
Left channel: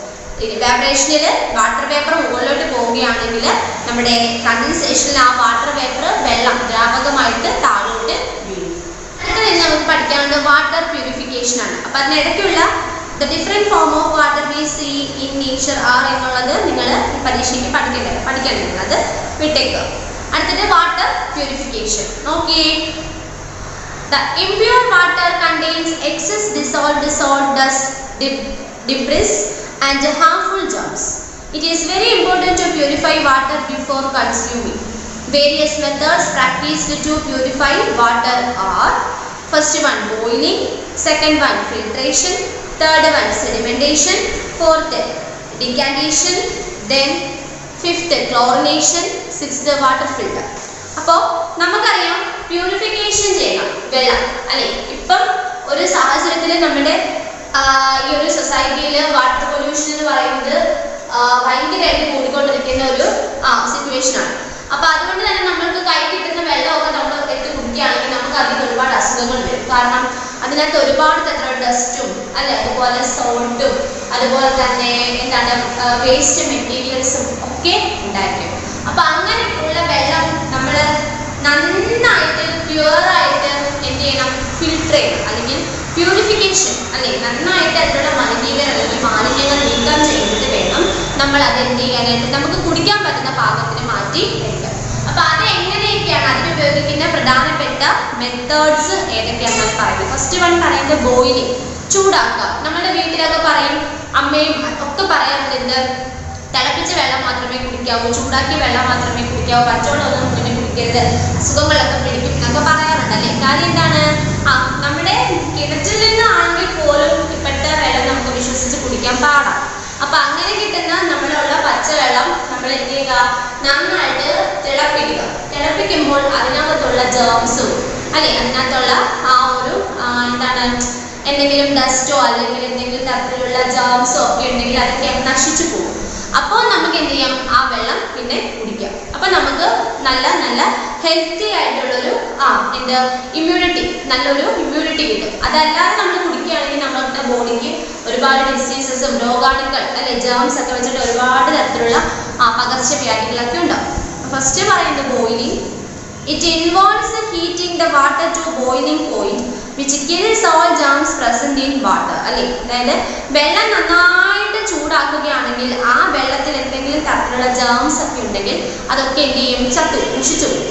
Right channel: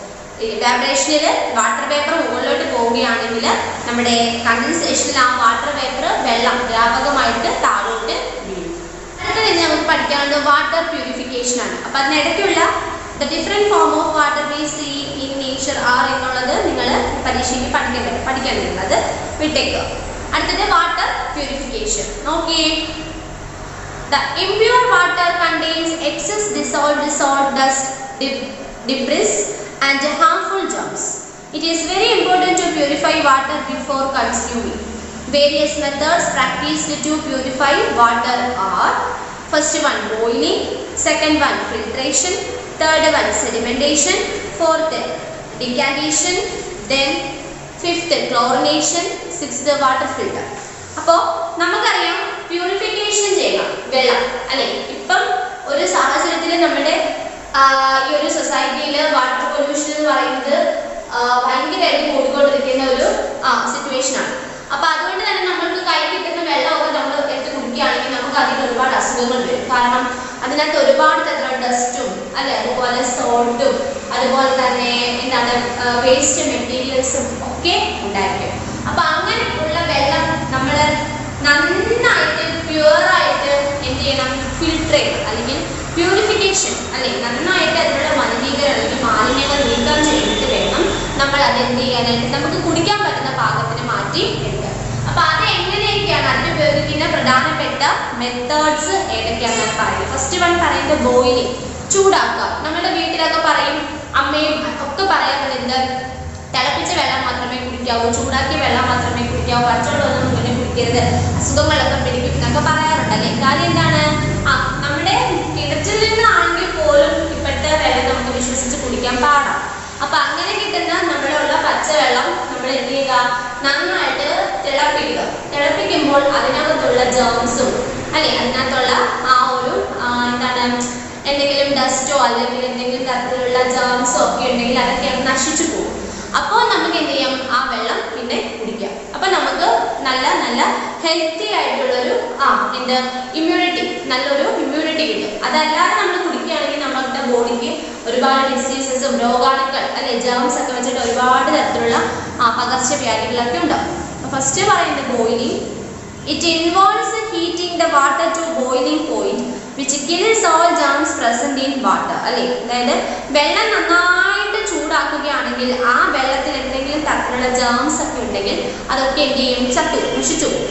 ഇവാപറേഷനിൽ വാട്ടർ വേപ്പർ മുകളിലോട്ട് പോവുകയാണെങ്കിൽ നമ്മുടെ കണ്ടൻസേഷനിൽ ആ വാട്ടർ വേപ്പർ വെള്ളം ദ്രാവകമായിട്ട് താഴോട്ട് വീഴും. അടുത്തത് നമുക്ക് പഠിക്കാനുള്ളത് വാട്ടർ പ്യൂരിഫിക്കേഷൻ ആണ്. അപ്പൊ അതിനിടയ്ക്കുള്ള the different form of water we see in nature are എന്നുള്ളത് നിങ്ങൾ പരീക്ഷയ്ക്ക് പഠിക്കാൻ നിങ്ങൾ അത് വിട്ടേക്കുക. അടുത്തത് വാട്ടർ പ്യൂരിഫിക്കേഷൻ. നോക്കിയേ, the impure water contains excess dissolved salt, dust, debris and harmful germs. It is very important to purify water before consuming. Various methods practiced to purify water are: first one boiling, second one filtration, third one sedimentation, fourth decantation, then fifth chlorination, sixth water filter. അപ്പോൾ നമുക്കറിയാം പ്യൂരിഫിക്കേഷൻ ചെയ്യണം വെള്ളം അല്ലെ. ഇപ്പം ഒരു സാഹചര്യത്തിൽ നമ്മുടെ ഈ ഒരു സൊസൈറ്റിയിൽ വാട്ടർ പൊല്യൂഷൻ എന്ന് പറയുന്നത് ഭയങ്കരമായിട്ട് കൂടിക്കൊണ്ടിരിക്കുന്ന ഒരു സിറ്റുവേഷൻ ആണ്. അപ്പൊ അതുകൊണ്ട് തന്നെ നമ്മൾക്ക് കൈ കിട്ടുന്ന വെള്ളമൊക്കെ നമ്മൾ എടുത്ത് കുടിക്കുകയാണെങ്കിൽ നമുക്ക് അതിന് ഒരുപാട് അസുഖങ്ങൾ വരും. കാരണം അതിനകത്ത് ഒരുപാട് തരത്തിലുള്ള ഡസ്റ്റും അല്ലെ, അതുപോലെ സോൾട്ടും അതുപോലെ തന്നെ എന്താണ് വേസ്റ്റ് മെറ്റീരിയൽസും ഒക്കെ ഉണ്ടായിരിക്കും. അപ്പൊ അങ്ങനെ ഉള്ള വെള്ളം നമ്മൾ നന്നായിട്ട് പ്യുവറായിട്ട് എന്ത് ചെയ്യണം, ഫിൽട്ടർ ചെയ്യണം അല്ലെങ്കിൽ പ്യൂരിഫിക്കേഷൻ അല്ലെ, നന്നായിട്ട് അതിലുള്ള മലിനീകരണം അല്ലെങ്കിൽ മാലിന്യങ്ങൾ നീക്കം ചെയ്തിട്ട് വേണം നമ്മൾ അത് എന്ത് ചെയ്യാനായിട്ട് നമുക്ക് കുടിക്കാൻ പറ്റുന്ന പാകത്തിന് മാറ്റി എടുക്കാൻ. അപ്പൊ അത് എങ്ങനെയൊക്കെയാണ് അതിന് ഉപയോഗിക്കുന്ന പ്രധാനപ്പെട്ട മെത്തേഡ്സ് ഏതൊക്കെയാണെന്നാണ് പറയുന്നത്. ഫസ്റ്റ് വൺ പറയുന്നത് ബോയിലിംഗ്, ചൂടാക്കുക. നമ്മുടെ വീട്ടിലൊക്കെ പറയും, അമ്മയും ഒക്കെ പറയാറുണ്ട്, എന്ത് തിളപ്പിച്ച വെള്ളം മാത്രമേ കുടിക്കാവൂ, ചൂടാക്കിയ വെള്ളം മാത്രമേ കുടിക്കാവൂ, പച്ചവെള്ളമൊന്നും മുന്നേ കുടിക്കരുത്, അസുഖങ്ങളൊക്കെ പിടിക്കും എന്നൊക്കെ പറയാറുണ്ടല്ലേ. കാര്യം എന്താണ്, നമ്മുടെ കിണറ്റിൽ നിന്നാണെങ്കിൽ പോലും ഇപ്പോഴത്തെ വെള്ളം നമുക്ക് വിശ്വസിച്ച് കുടിക്കാൻ പാടാം. അപ്പൊ അങ്ങനെ കിട്ടുന്ന നമ്മളുള്ള പച്ചവെള്ളം നമ്മൾ എന്ത് ചെയ്യുക, നന്നായിട്ട് തിളപ്പിക്കുക. തിളപ്പിക്കുമ്പോൾ അതിനകത്തുള്ള ജേംസും അല്ലെ, അതിനകത്തുള്ള ആ ഒരു എന്താണ് എന്തെങ്കിലും ഡസ്റ്റോ അല്ലെങ്കിൽ എന്തെങ്കിലും തരത്തിലുള്ള ജേംസോ ഒക്കെ ഉണ്ടെങ്കിൽ അതൊക്കെ നശിച്ചു പോകും. അപ്പോൾ നമുക്ക് എന്ത് ചെയ്യാം, ആ വെള്ളം പിന്നെ കുടിക്കാം. അപ്പൊ നമുക്ക് നല്ല നല്ല ഹെൽത്തി ആയിട്ടുള്ളൊരു നല്ലൊരു ഇമ്മ്യൂണിറ്റി കിട്ടും. അതല്ലാതെ നമ്മൾ കുടിക്കുകയാണെങ്കിൽ നമ്മളുടെ ബോഡിക്ക് ഒരുപാട് ഡിസീസസും രോഗാണുക്കൾ അല്ലെ, ജേംസ് ഒക്കെ വെച്ചിട്ട് ഒരുപാട് തരത്തിലുള്ള പകർച്ചവ്യാധികളൊക്കെ ഉണ്ടാവും. ഫസ്റ്റ് പറയുന്നത് boiling. It involves heating the water to boiling point which kills all germs present in water. അല്ലേ, അതായത് വെള്ളം നന്നായിട്ട് ചൂടാക്കുകയാണെങ്കിൽ ആ വെള്ളത്തിൽ എന്തെങ്കിലും തരത്തിലുള്ള ജേംസ് ഒക്കെ ഉണ്ടെങ്കിൽ അതൊക്കെ എന്ത് ചെയ്യും, നശിച്ചു പോകും.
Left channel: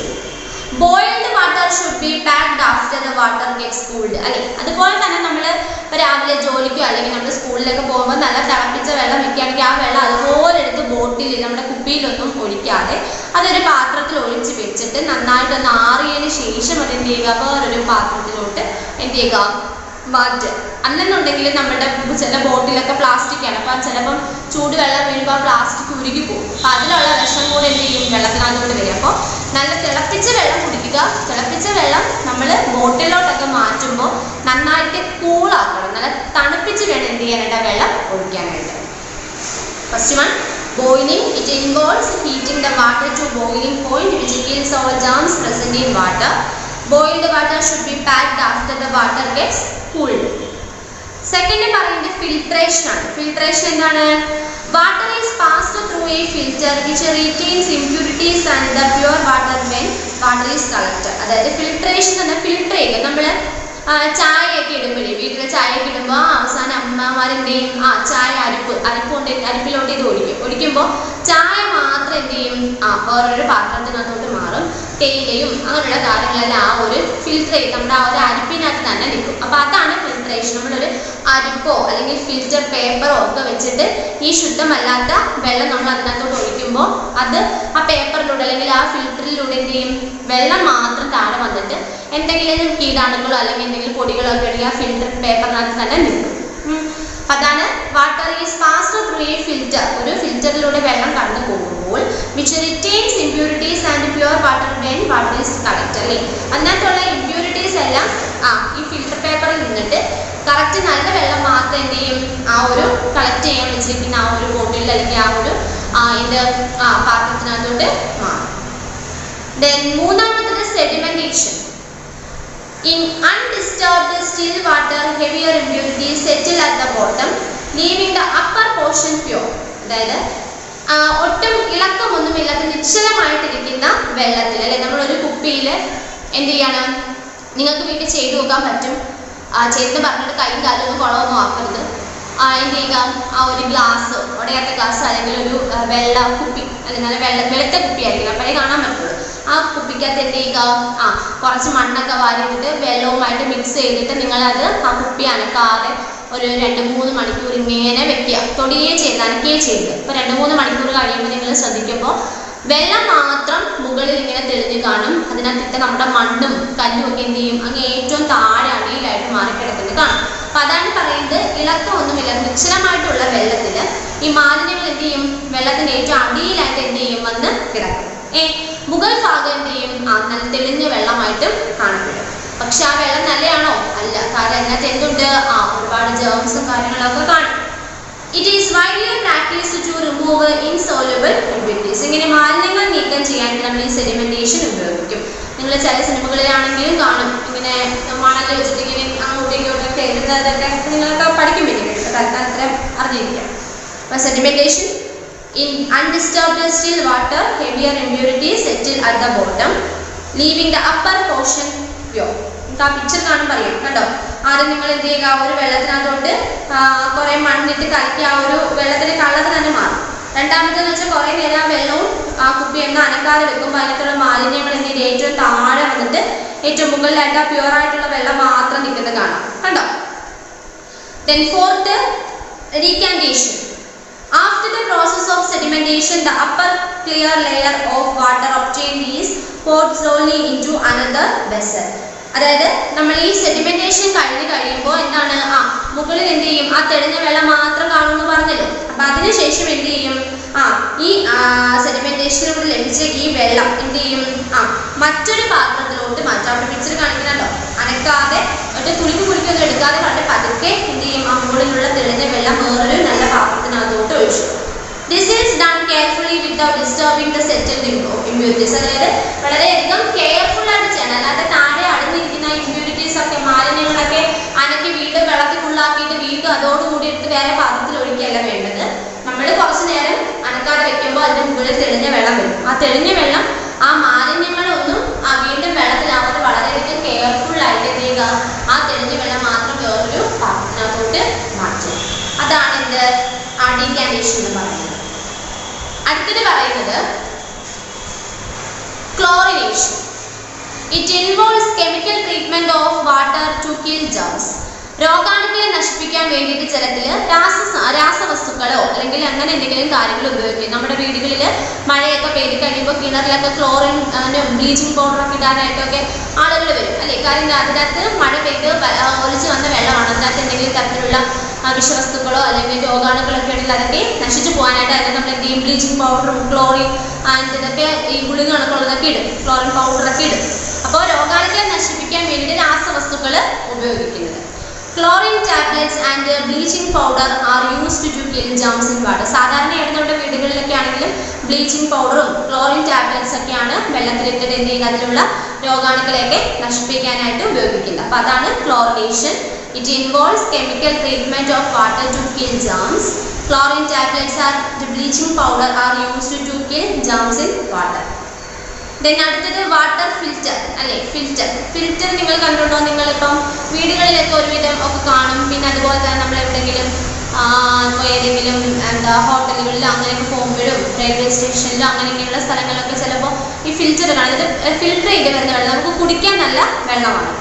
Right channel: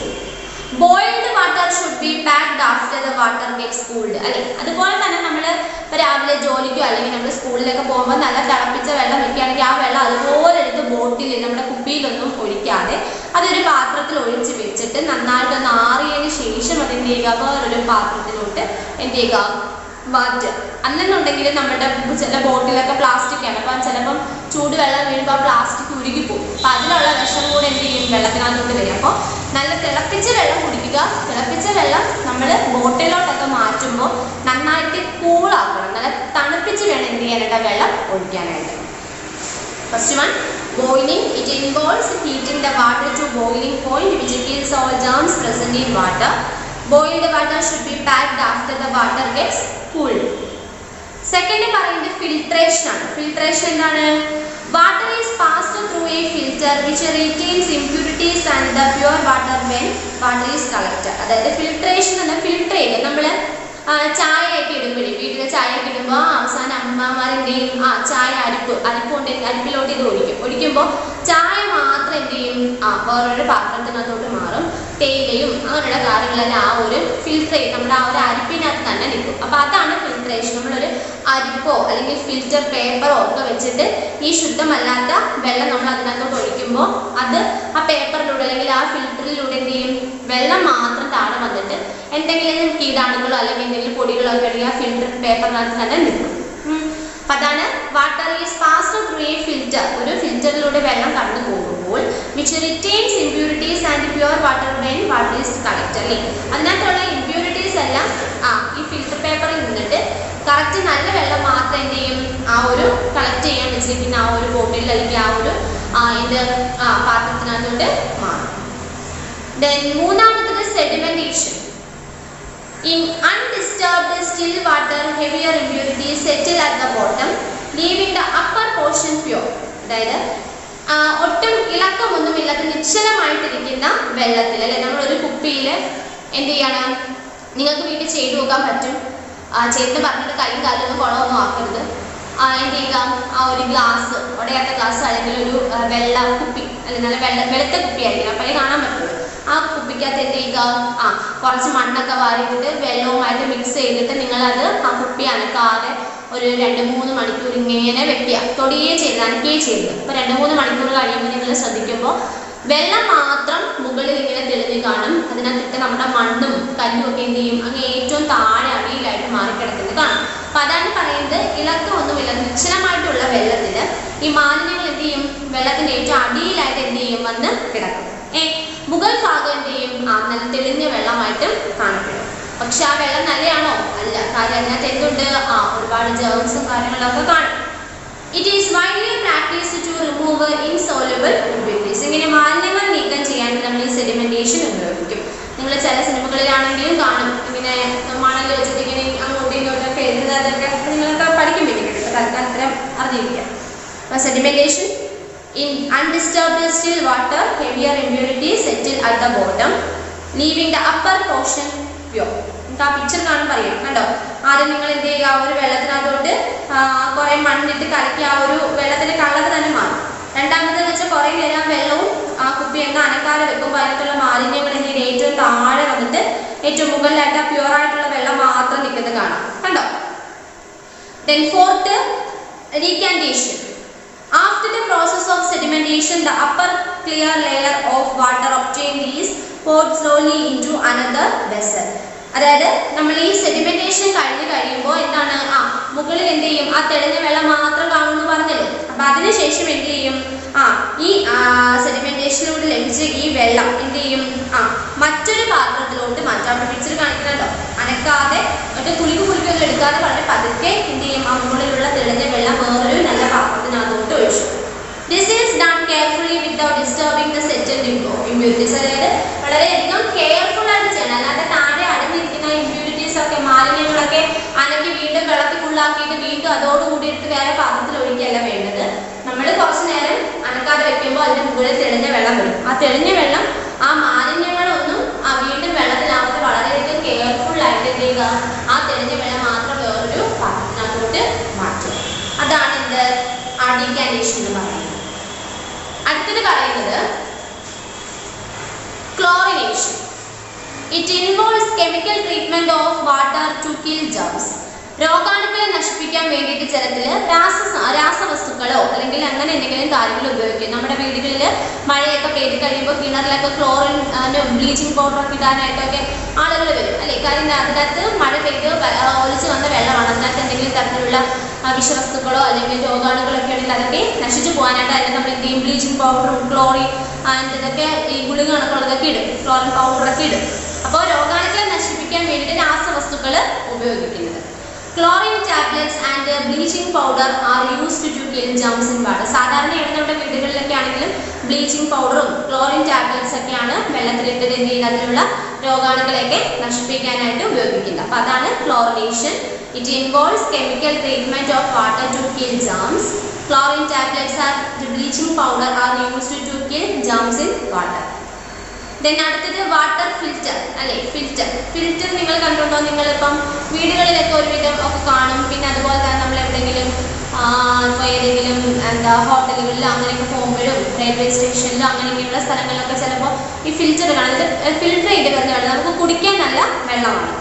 Boiled water should be packed after the water gets cooled. അല്ലേ, അതുപോലെ തന്നെ നമ്മൾ ഇപ്പോൾ രാവിലെ ജോലിക്കോ അല്ലെങ്കിൽ നമ്മൾ സ്കൂളിലൊക്കെ പോകുമ്പോൾ നല്ല തിളപ്പിച്ച വെള്ളം വെക്കുകയാണെങ്കിൽ ആ വെള്ളം അതുപോലെ എടുത്ത് ബോട്ടിൽ നമ്മുടെ കുപ്പിയിലൊന്നും ഒഴിക്കാതെ അതൊരു പാത്രത്തിൽ ഒഴിച്ച് വെച്ചിട്ട് നന്നായിട്ടൊന്ന് ആറിയതിന് ശേഷം അതെന്ത് ചെയ്യുക, വേറൊരു പാത്രത്തിലോട്ട് എന്ത് ചെയ്യുക, മാറ്റുക. അല്ലെന്നുണ്ടെങ്കിൽ നമ്മുടെ ചില ബോട്ടിലൊക്കെ പ്ലാസ്റ്റിക് ആണ്, അപ്പം ചിലപ്പം ചൂടുവെള്ളം വീഴുമ്പോൾ പ്ലാസ്റ്റിക് ഉരുകി പോകും. അപ്പം അതിലുള്ള വിഷം കൂടെ എന്ത് ചെയ്യും, വെള്ളത്തിനകത്തോട്ട് വരും. അപ്പോൾ നല്ല തിളപ്പിച്ച വെള്ളം കുടിക്കുക. തിളപ്പിച്ച വെള്ളം നമ്മൾ ബോട്ടിലോട്ടൊക്കെ മാറ്റുമ്പോൾ നന്നായിട്ട് കൂളാക്കണം, നല്ല തണുപ്പിച്ച് വേണം എന്ത് ചെയ്യാനായിട്ട് വെള്ളം ഒഴിക്കാനായിട്ട്. First one, boiling. It involves heating the water to boiling point which kills all germs present in water. Boiled water should be packed after the water gets cooled. Second പറയുന്നത് ഫിൽട്രേഷൻ ആണ്. ഫിൽട്രേഷൻ എന്താണ്? Water is passed through a filter which retains impurities and the pure water when water is collected. അതായത് ഫിൽട്രേഷൻ എന്ന് പറഞ്ഞാൽ ഫിൽട്ടർ ചെയ്യുക. നമ്മൾ ചായയൊക്കെ ഇടുമ്പോഴേ, വീട്ടിലെ ചായയൊക്കെ ഇടുമ്പോൾ അവസാനം അമ്മമാരെന്തെയും ചായ അരിപ്പ് കൊണ്ട് അരിപ്പിലോട്ട് ഇത് ഒഴിക്കുമ്പോൾ ചായ മാത്രം എന്ത് ചെയ്യും, വേറൊരു പാത്രത്തിനകത്തോട്ട് മാറും. തേയിലയും അങ്ങനെയുള്ള കാര്യങ്ങളെല്ലാം ആ ഒരു ഫിൽറ്റർ ചെയ്യും, നമ്മുടെ ആ ഒരു അരിപ്പിനകത്ത് തന്നെ നിൽക്കും. അപ്പോൾ അതാണ് ഫിൽട്രേഷൻ. നമ്മളൊരു അരിപ്പോ അല്ലെങ്കിൽ ഫിൽറ്റർ പേപ്പറോ ഒക്കെ വെച്ചിട്ട് ഈ ശുദ്ധമല്ലാത്ത വെള്ളം നമ്മൾ അതിനകത്തോട്ട് ഒഴിക്കുമ്പോൾ അത് ആ പേപ്പറിലൂടെ അല്ലെങ്കിൽ ആ ഫിൽറ്ററിലൂടെ എന്ത് ചെയ്യും, വെള്ളം മാത്രം താഴെ വന്നിട്ട് എന്തെങ്കിലും കീടാണുക്കളോ അല്ലെങ്കിൽ എന്തെങ്കിലും പൊടികളോ ഒക്കെ ഉണ്ടെങ്കിൽ ആ ഫിൽറ്റർ പേപ്പറിനകത്ത് തന്നെ നിൽക്കും. അതാണ് water is passed through a filter. ഒരു ഫിൽറ്ററിലൂടെ വെള്ളം കടന്നു പോകുമ്പോൾ which retains impurities and pure water when water is collected. അല്ലേ, അതിനകത്തുള്ള ഇംപ്യൂരിറ്റീസ് എല്ലാം ഈ ഫിൽറ്റർ പേപ്പറിൽ നിന്നിട്ട് കറക്റ്റ് നല്ല വെള്ളം മാത്രം എന്ത് ചെയ്യും, ആ ഒരു കളക്ട് ചെയ്യാൻ വെച്ചിരിക്കുന്ന ആ ഒരു ബോട്ടിൽ അല്ലെങ്കിൽ ആ ഒരു പാത്രത്തിനകത്തോട്ട് മാറും. ദെൻ മൂന്നാമത്തത് sedimentation. In undisturbed still water, heavier impurities settle at the bottom, leaving the upper portion pure. അതായത് ഒട്ടും ഇളക്കമൊന്നുമില്ലാത്ത നിശ്ചലമായിട്ടിരിക്കുന്ന വെള്ളത്തിൽ, അല്ലെ, നമ്മളൊരു കുപ്പിയിൽ എന്ത് ചെയ്യണം, നിങ്ങൾക്ക് വീട്ടിൽ ചെയ്തു നോക്കാൻ പറ്റും. ചെയ്തെന്ന് പറഞ്ഞിട്ട് കൈയും കാലൊന്നും കുളമൊന്നും ആക്കരുത്. എന്ത് ചെയ്യുക, ആ ഒരു ഗ്ലാസ്, ഉടയാത്ത ഗ്ലാസ് അല്ലെങ്കിൽ ഒരു വെള്ള കുപ്പി, അല്ലെങ്കിൽ നല്ല വെളുത്ത കുപ്പി ആയിരിക്കണം, അപ്പോഴേ കാണാൻ പറ്റുള്ളൂ. ആ കുപ്പിക്കകത്ത് എന്ത് ചെയ്യുക, കുറച്ച് മണ്ണൊക്കെ വാരിയിട്ടിട്ട് വെള്ളവുമായിട്ട് മിക്സ് ചെയ്തിട്ട് നിങ്ങളത് ആ കുപ്പി അനക്കാതെ ഒരു 2-3 മണിക്കൂർ ഇങ്ങനെ വെക്കുക. തൊടിയേ ചെയ്ത് അനക്കുകയേ ചെയ്ത്. ഇപ്പോൾ 2-3 മണിക്കൂർ കഴിയുമ്പോൾ നിങ്ങൾ ശ്രദ്ധിക്കുമ്പോൾ വെള്ളം മാത്രം മുകളിൽ ഇങ്ങനെ തെളിഞ്ഞ് കാണും. അതിനകത്തിട്ട് നമ്മുടെ മണ്ണും കല്ലും ഒക്കെ എന്ത് ചെയ്യും, അങ്ങ് ഏറ്റവും താഴെ അടിയിലായിട്ട് മാറിക്കിടക്കുന്നത് കാണും. അപ്പം അതാണ് പറയുന്നത്, ഇളക്കമൊന്നുമില്ല നിശ്ചലമായിട്ടുള്ള വെള്ളത്തിൽ ഈ മാലിന്യങ്ങൾ എന്ത് ചെയ്യും, വെള്ളത്തിൻ്റെ ഏറ്റവും അടിയിലായിട്ട് എന്ത് ചെയ്യും, വന്ന് കിടക്കും. മുകൾ ഭാഗം എന്ത് ചെയ്യും, നല്ല തെളിഞ്ഞ വെള്ളമായിട്ടും കാണപ്പെടും. പക്ഷെ ആ വെള്ളം നല്ലതാണോ? അല്ല. കാര്യം അതിനകത്ത് എന്തുണ്ട്, ഒരുപാട് ജേംസും കാര്യങ്ങളൊക്കെ കാണും. It is widely practiced to remove insoluble impurities. ഇങ്ങനെ മാലിന്യങ്ങൾ നീക്കം ചെയ്യാൻ നമ്മൾ ഈ സെഡിമെന്റേഷൻ ഉപയോഗിക്കും. നിങ്ങൾ ചില സിനിമകളിലാണെങ്കിലും കാണും, ഇങ്ങനെ മണൽ വെച്ചിട്ട് ഇങ്ങനെ അങ്ങോട്ടും ഇങ്ങോട്ടൊക്കെ എഴുതുന്നതൊക്കെ നിങ്ങളൊക്കെ പഠിക്കും. പിന്നെ തൽക്കാലം അറിഞ്ഞിരിക്കുക. അപ്പോൾ sedimentation. In undisturbed still water, heavier impurities settle at the bottom, leaving the upper portion pure. നിങ്ങൾക്ക് ആ പിക്ചർ കാണും പറയാം, കണ്ടോ? ആദ്യം നിങ്ങൾ എന്ത് ചെയ്യുക, ഒരു വെള്ളത്തിനകത്തോട്ട് കുറേ മണ്ണിട്ട് കലക്കി ആ ഒരു വെള്ളത്തിൻ്റെ കളർ തന്നെ മാറും. രണ്ടാമതെന്ന് വെച്ചാൽ കുറേ നേരം ആ വെള്ളവും ആ കുപ്പി എണ്ണ അനക്കാതെ വെക്കുമ്പോൾ അതിനകത്തുള്ള മാലിന്യങ്ങൾ എന്ത് ചെയ്ത് ഏറ്റവും താഴെ വന്നിട്ട് ഏറ്റവും മുകളിലായിട്ട് ആ പ്യുവറായിട്ടുള്ള വെള്ളം മാത്രം നിൽക്കുന്നത് കാണാം, കണ്ടോ? Then fourth, recantation. After the process of sedimentation, the upper clear layer of water obtained is poured slowly into another vessel. അതായത് നമ്മൾ ഈ സെഡിമെന്റേഷൻ കഴിയുമ്പോൾ എന്താണ്, മുകളിൽ എന്ത് ചെയ്യും, ആ തെളിഞ്ഞ വെള്ളം മാത്രം കാണുമെന്ന് പറഞ്ഞല്ലോ. അപ്പം അതിനുശേഷം എന്ത് ചെയ്യും, ഈ സെഡിമെന്റേഷനിലൂടെ ലഭിച്ച ഈ വെള്ളം എന്ത് ചെയ്യും, മറ്റൊരു പാത്രത്തിലോട്ട് മാറ്റും. അവിടെ പിക്ചർ കാണിക്കുന്നുണ്ടോ, അനക്കാതെ കുളിക്കൊന്നും എടുക്കാതെ വളരെ പതുക്കെ എന്ത് ചെയ്യും, ആ മുകളിലുള്ള തെളിഞ്ഞ വെള്ളം വേറൊരു നല്ല പാത്രത്തിനകത്തോട്ട് ഒഴിച്ചു. This is done carefully without disturbing the settled impurities. അതായത് വളരെയധികം കെയർഫുൾ ആയിട്ട് ചെയ്യണം. അല്ലാതെ താഴെ അടങ്ങിയിരിക്കുന്ന ഇമ്പ്യൂരിറ്റീസ് ഒക്കെ, മാലിന്യങ്ങളൊക്കെ അനക്കി വീണ്ടും വെള്ളത്തിൽ ഫുള്ളാക്കിയിട്ട് വീണ്ടും അതോടുകൂടി എടുത്ത് വേറെ പാത്രത്തിൽ ഒഴിക്കുകയല്ല വേണ്ടത്. നമ്മൾ കുറച്ച് നേരം അനക്കാതെ വെക്കുമ്പോൾ അതിൻ്റെ മുകളിൽ തെളിഞ്ഞ വെള്ളം വരും. ആ തെളിഞ്ഞ വെള്ളം ആ മാലിന്യങ്ങളൊന്നും വീണ്ടും വെള്ളത്തിലാവാതെ വളരെയധികം കെയർഫുൾ ആയിട്ട് എന്ത് ചെയ്യുക, ആ തെളിഞ്ഞ വെള്ളം മാത്രം വേറൊരു പാത്രത്തിനകത്തോട്ട് മാറ്റുക. അതാണ് എന്ത്, ഡീകാന്റേഷൻ എന്ന് പറയുന്നത്. അടുത്തത് പറയുന്നത് chlorination. It involves chemical treatment of water to kill germs. രോഗാണുക്കളെ നശിപ്പിക്കാൻ വേണ്ടിയിട്ട് ജലത്തിൽ രാസവസ്തുക്കളോ അല്ലെങ്കിൽ അങ്ങനെ എന്തെങ്കിലും കാര്യങ്ങൾ ഉപയോഗിക്കും. നമ്മുടെ വീടുകളിൽ മഴയൊക്കെ പെയ്ത് കഴിയുമ്പോൾ കിണറിലൊക്കെ ക്ലോറിൻ ബ്ലീച്ചിങ് പൗഡറൊക്കെ ഇടാനായിട്ടൊക്കെ ആളുകൾ വരും അല്ലേ. കാര്യം അതിനകത്ത് മഴ പെയ്ത് ഒലിച്ച് വന്ന വെള്ളമാണ്. അതിനകത്ത് എന്തെങ്കിലും തരത്തിലുള്ള വിഷവസ്തുക്കളോ അല്ലെങ്കിൽ രോഗാണുക്കളൊക്കെ ഉണ്ടെങ്കിൽ അതൊക്കെ നശിച്ചു പോകാനായിട്ട് അതിനകത്ത് നമ്മൾ എന്ത് ചെയ്യും, ബ്ലീച്ചിങ് പൗഡറും ക്ലോറിൻ ആൻഡ് ഇതൊക്കെ ഈ ഗുളിക കണക്കുള്ളതൊക്കെ ഇടും, ക്ലോറിൻ പൗഡറൊക്കെ ഇടും. അപ്പോൾ രോഗാണുക്കളെ നശിപ്പിക്കാൻ വേണ്ടിയിട്ട് രാസവസ്തുക്കൾ ഉപയോഗിക്കുന്നത്. Chlorine tablets and bleaching powder are used to kill germs in water. സാധാരണയായിട്ട് നമ്മുടെ വീടുകളിലൊക്കെ ആണെങ്കിലും ബ്ലീച്ചിങ് പൗഡറും ക്ലോറിൻ ടാബ്ലറ്റ്സ് ഒക്കെയാണ് വെള്ളത്തിലിട്ടിട്ട് എന്ത് ചെയ്യുന്നത്, അതിലുള്ള രോഗാണുക്കളെയൊക്കെ നശിപ്പിക്കാനായിട്ട് ഉപയോഗിക്കുന്നത്. അപ്പോൾ അതാണ് chlorination. It involves chemical treatment of water to kill germs. Chlorine tablets and bleaching powder are used to kill germs in water. Then അടുത്തത് വാട്ടർ ഫിൽറ്റർ അല്ലേ. ഫിൽറ്റർ നിങ്ങൾ കണ്ടുണ്ടോ? നിങ്ങളിപ്പം വീടുകളിലൊക്കെ ഒരുവിധം ഒക്കെ കാണും. പിന്നെ അതുപോലെ തന്നെ നമ്മൾ എവിടെയെങ്കിലും ഇപ്പോൾ ഏതെങ്കിലും ഹോട്ടലുകളിലോ അങ്ങനെയൊക്കെ പോകുമ്പോഴും റെയിൽവേ സ്റ്റേഷനിലോ അങ്ങനെയൊക്കെയുള്ള സ്ഥലങ്ങളിലൊക്കെ ചിലപ്പോൾ ഈ ഫിൽറ്റർ കാണും. ഇത് ഫിൽറ്റർ ചെയ്ത് വരുന്ന വെള്ളം നമുക്ക് കുടിക്കാൻ നല്ല വെള്ളമാണ്.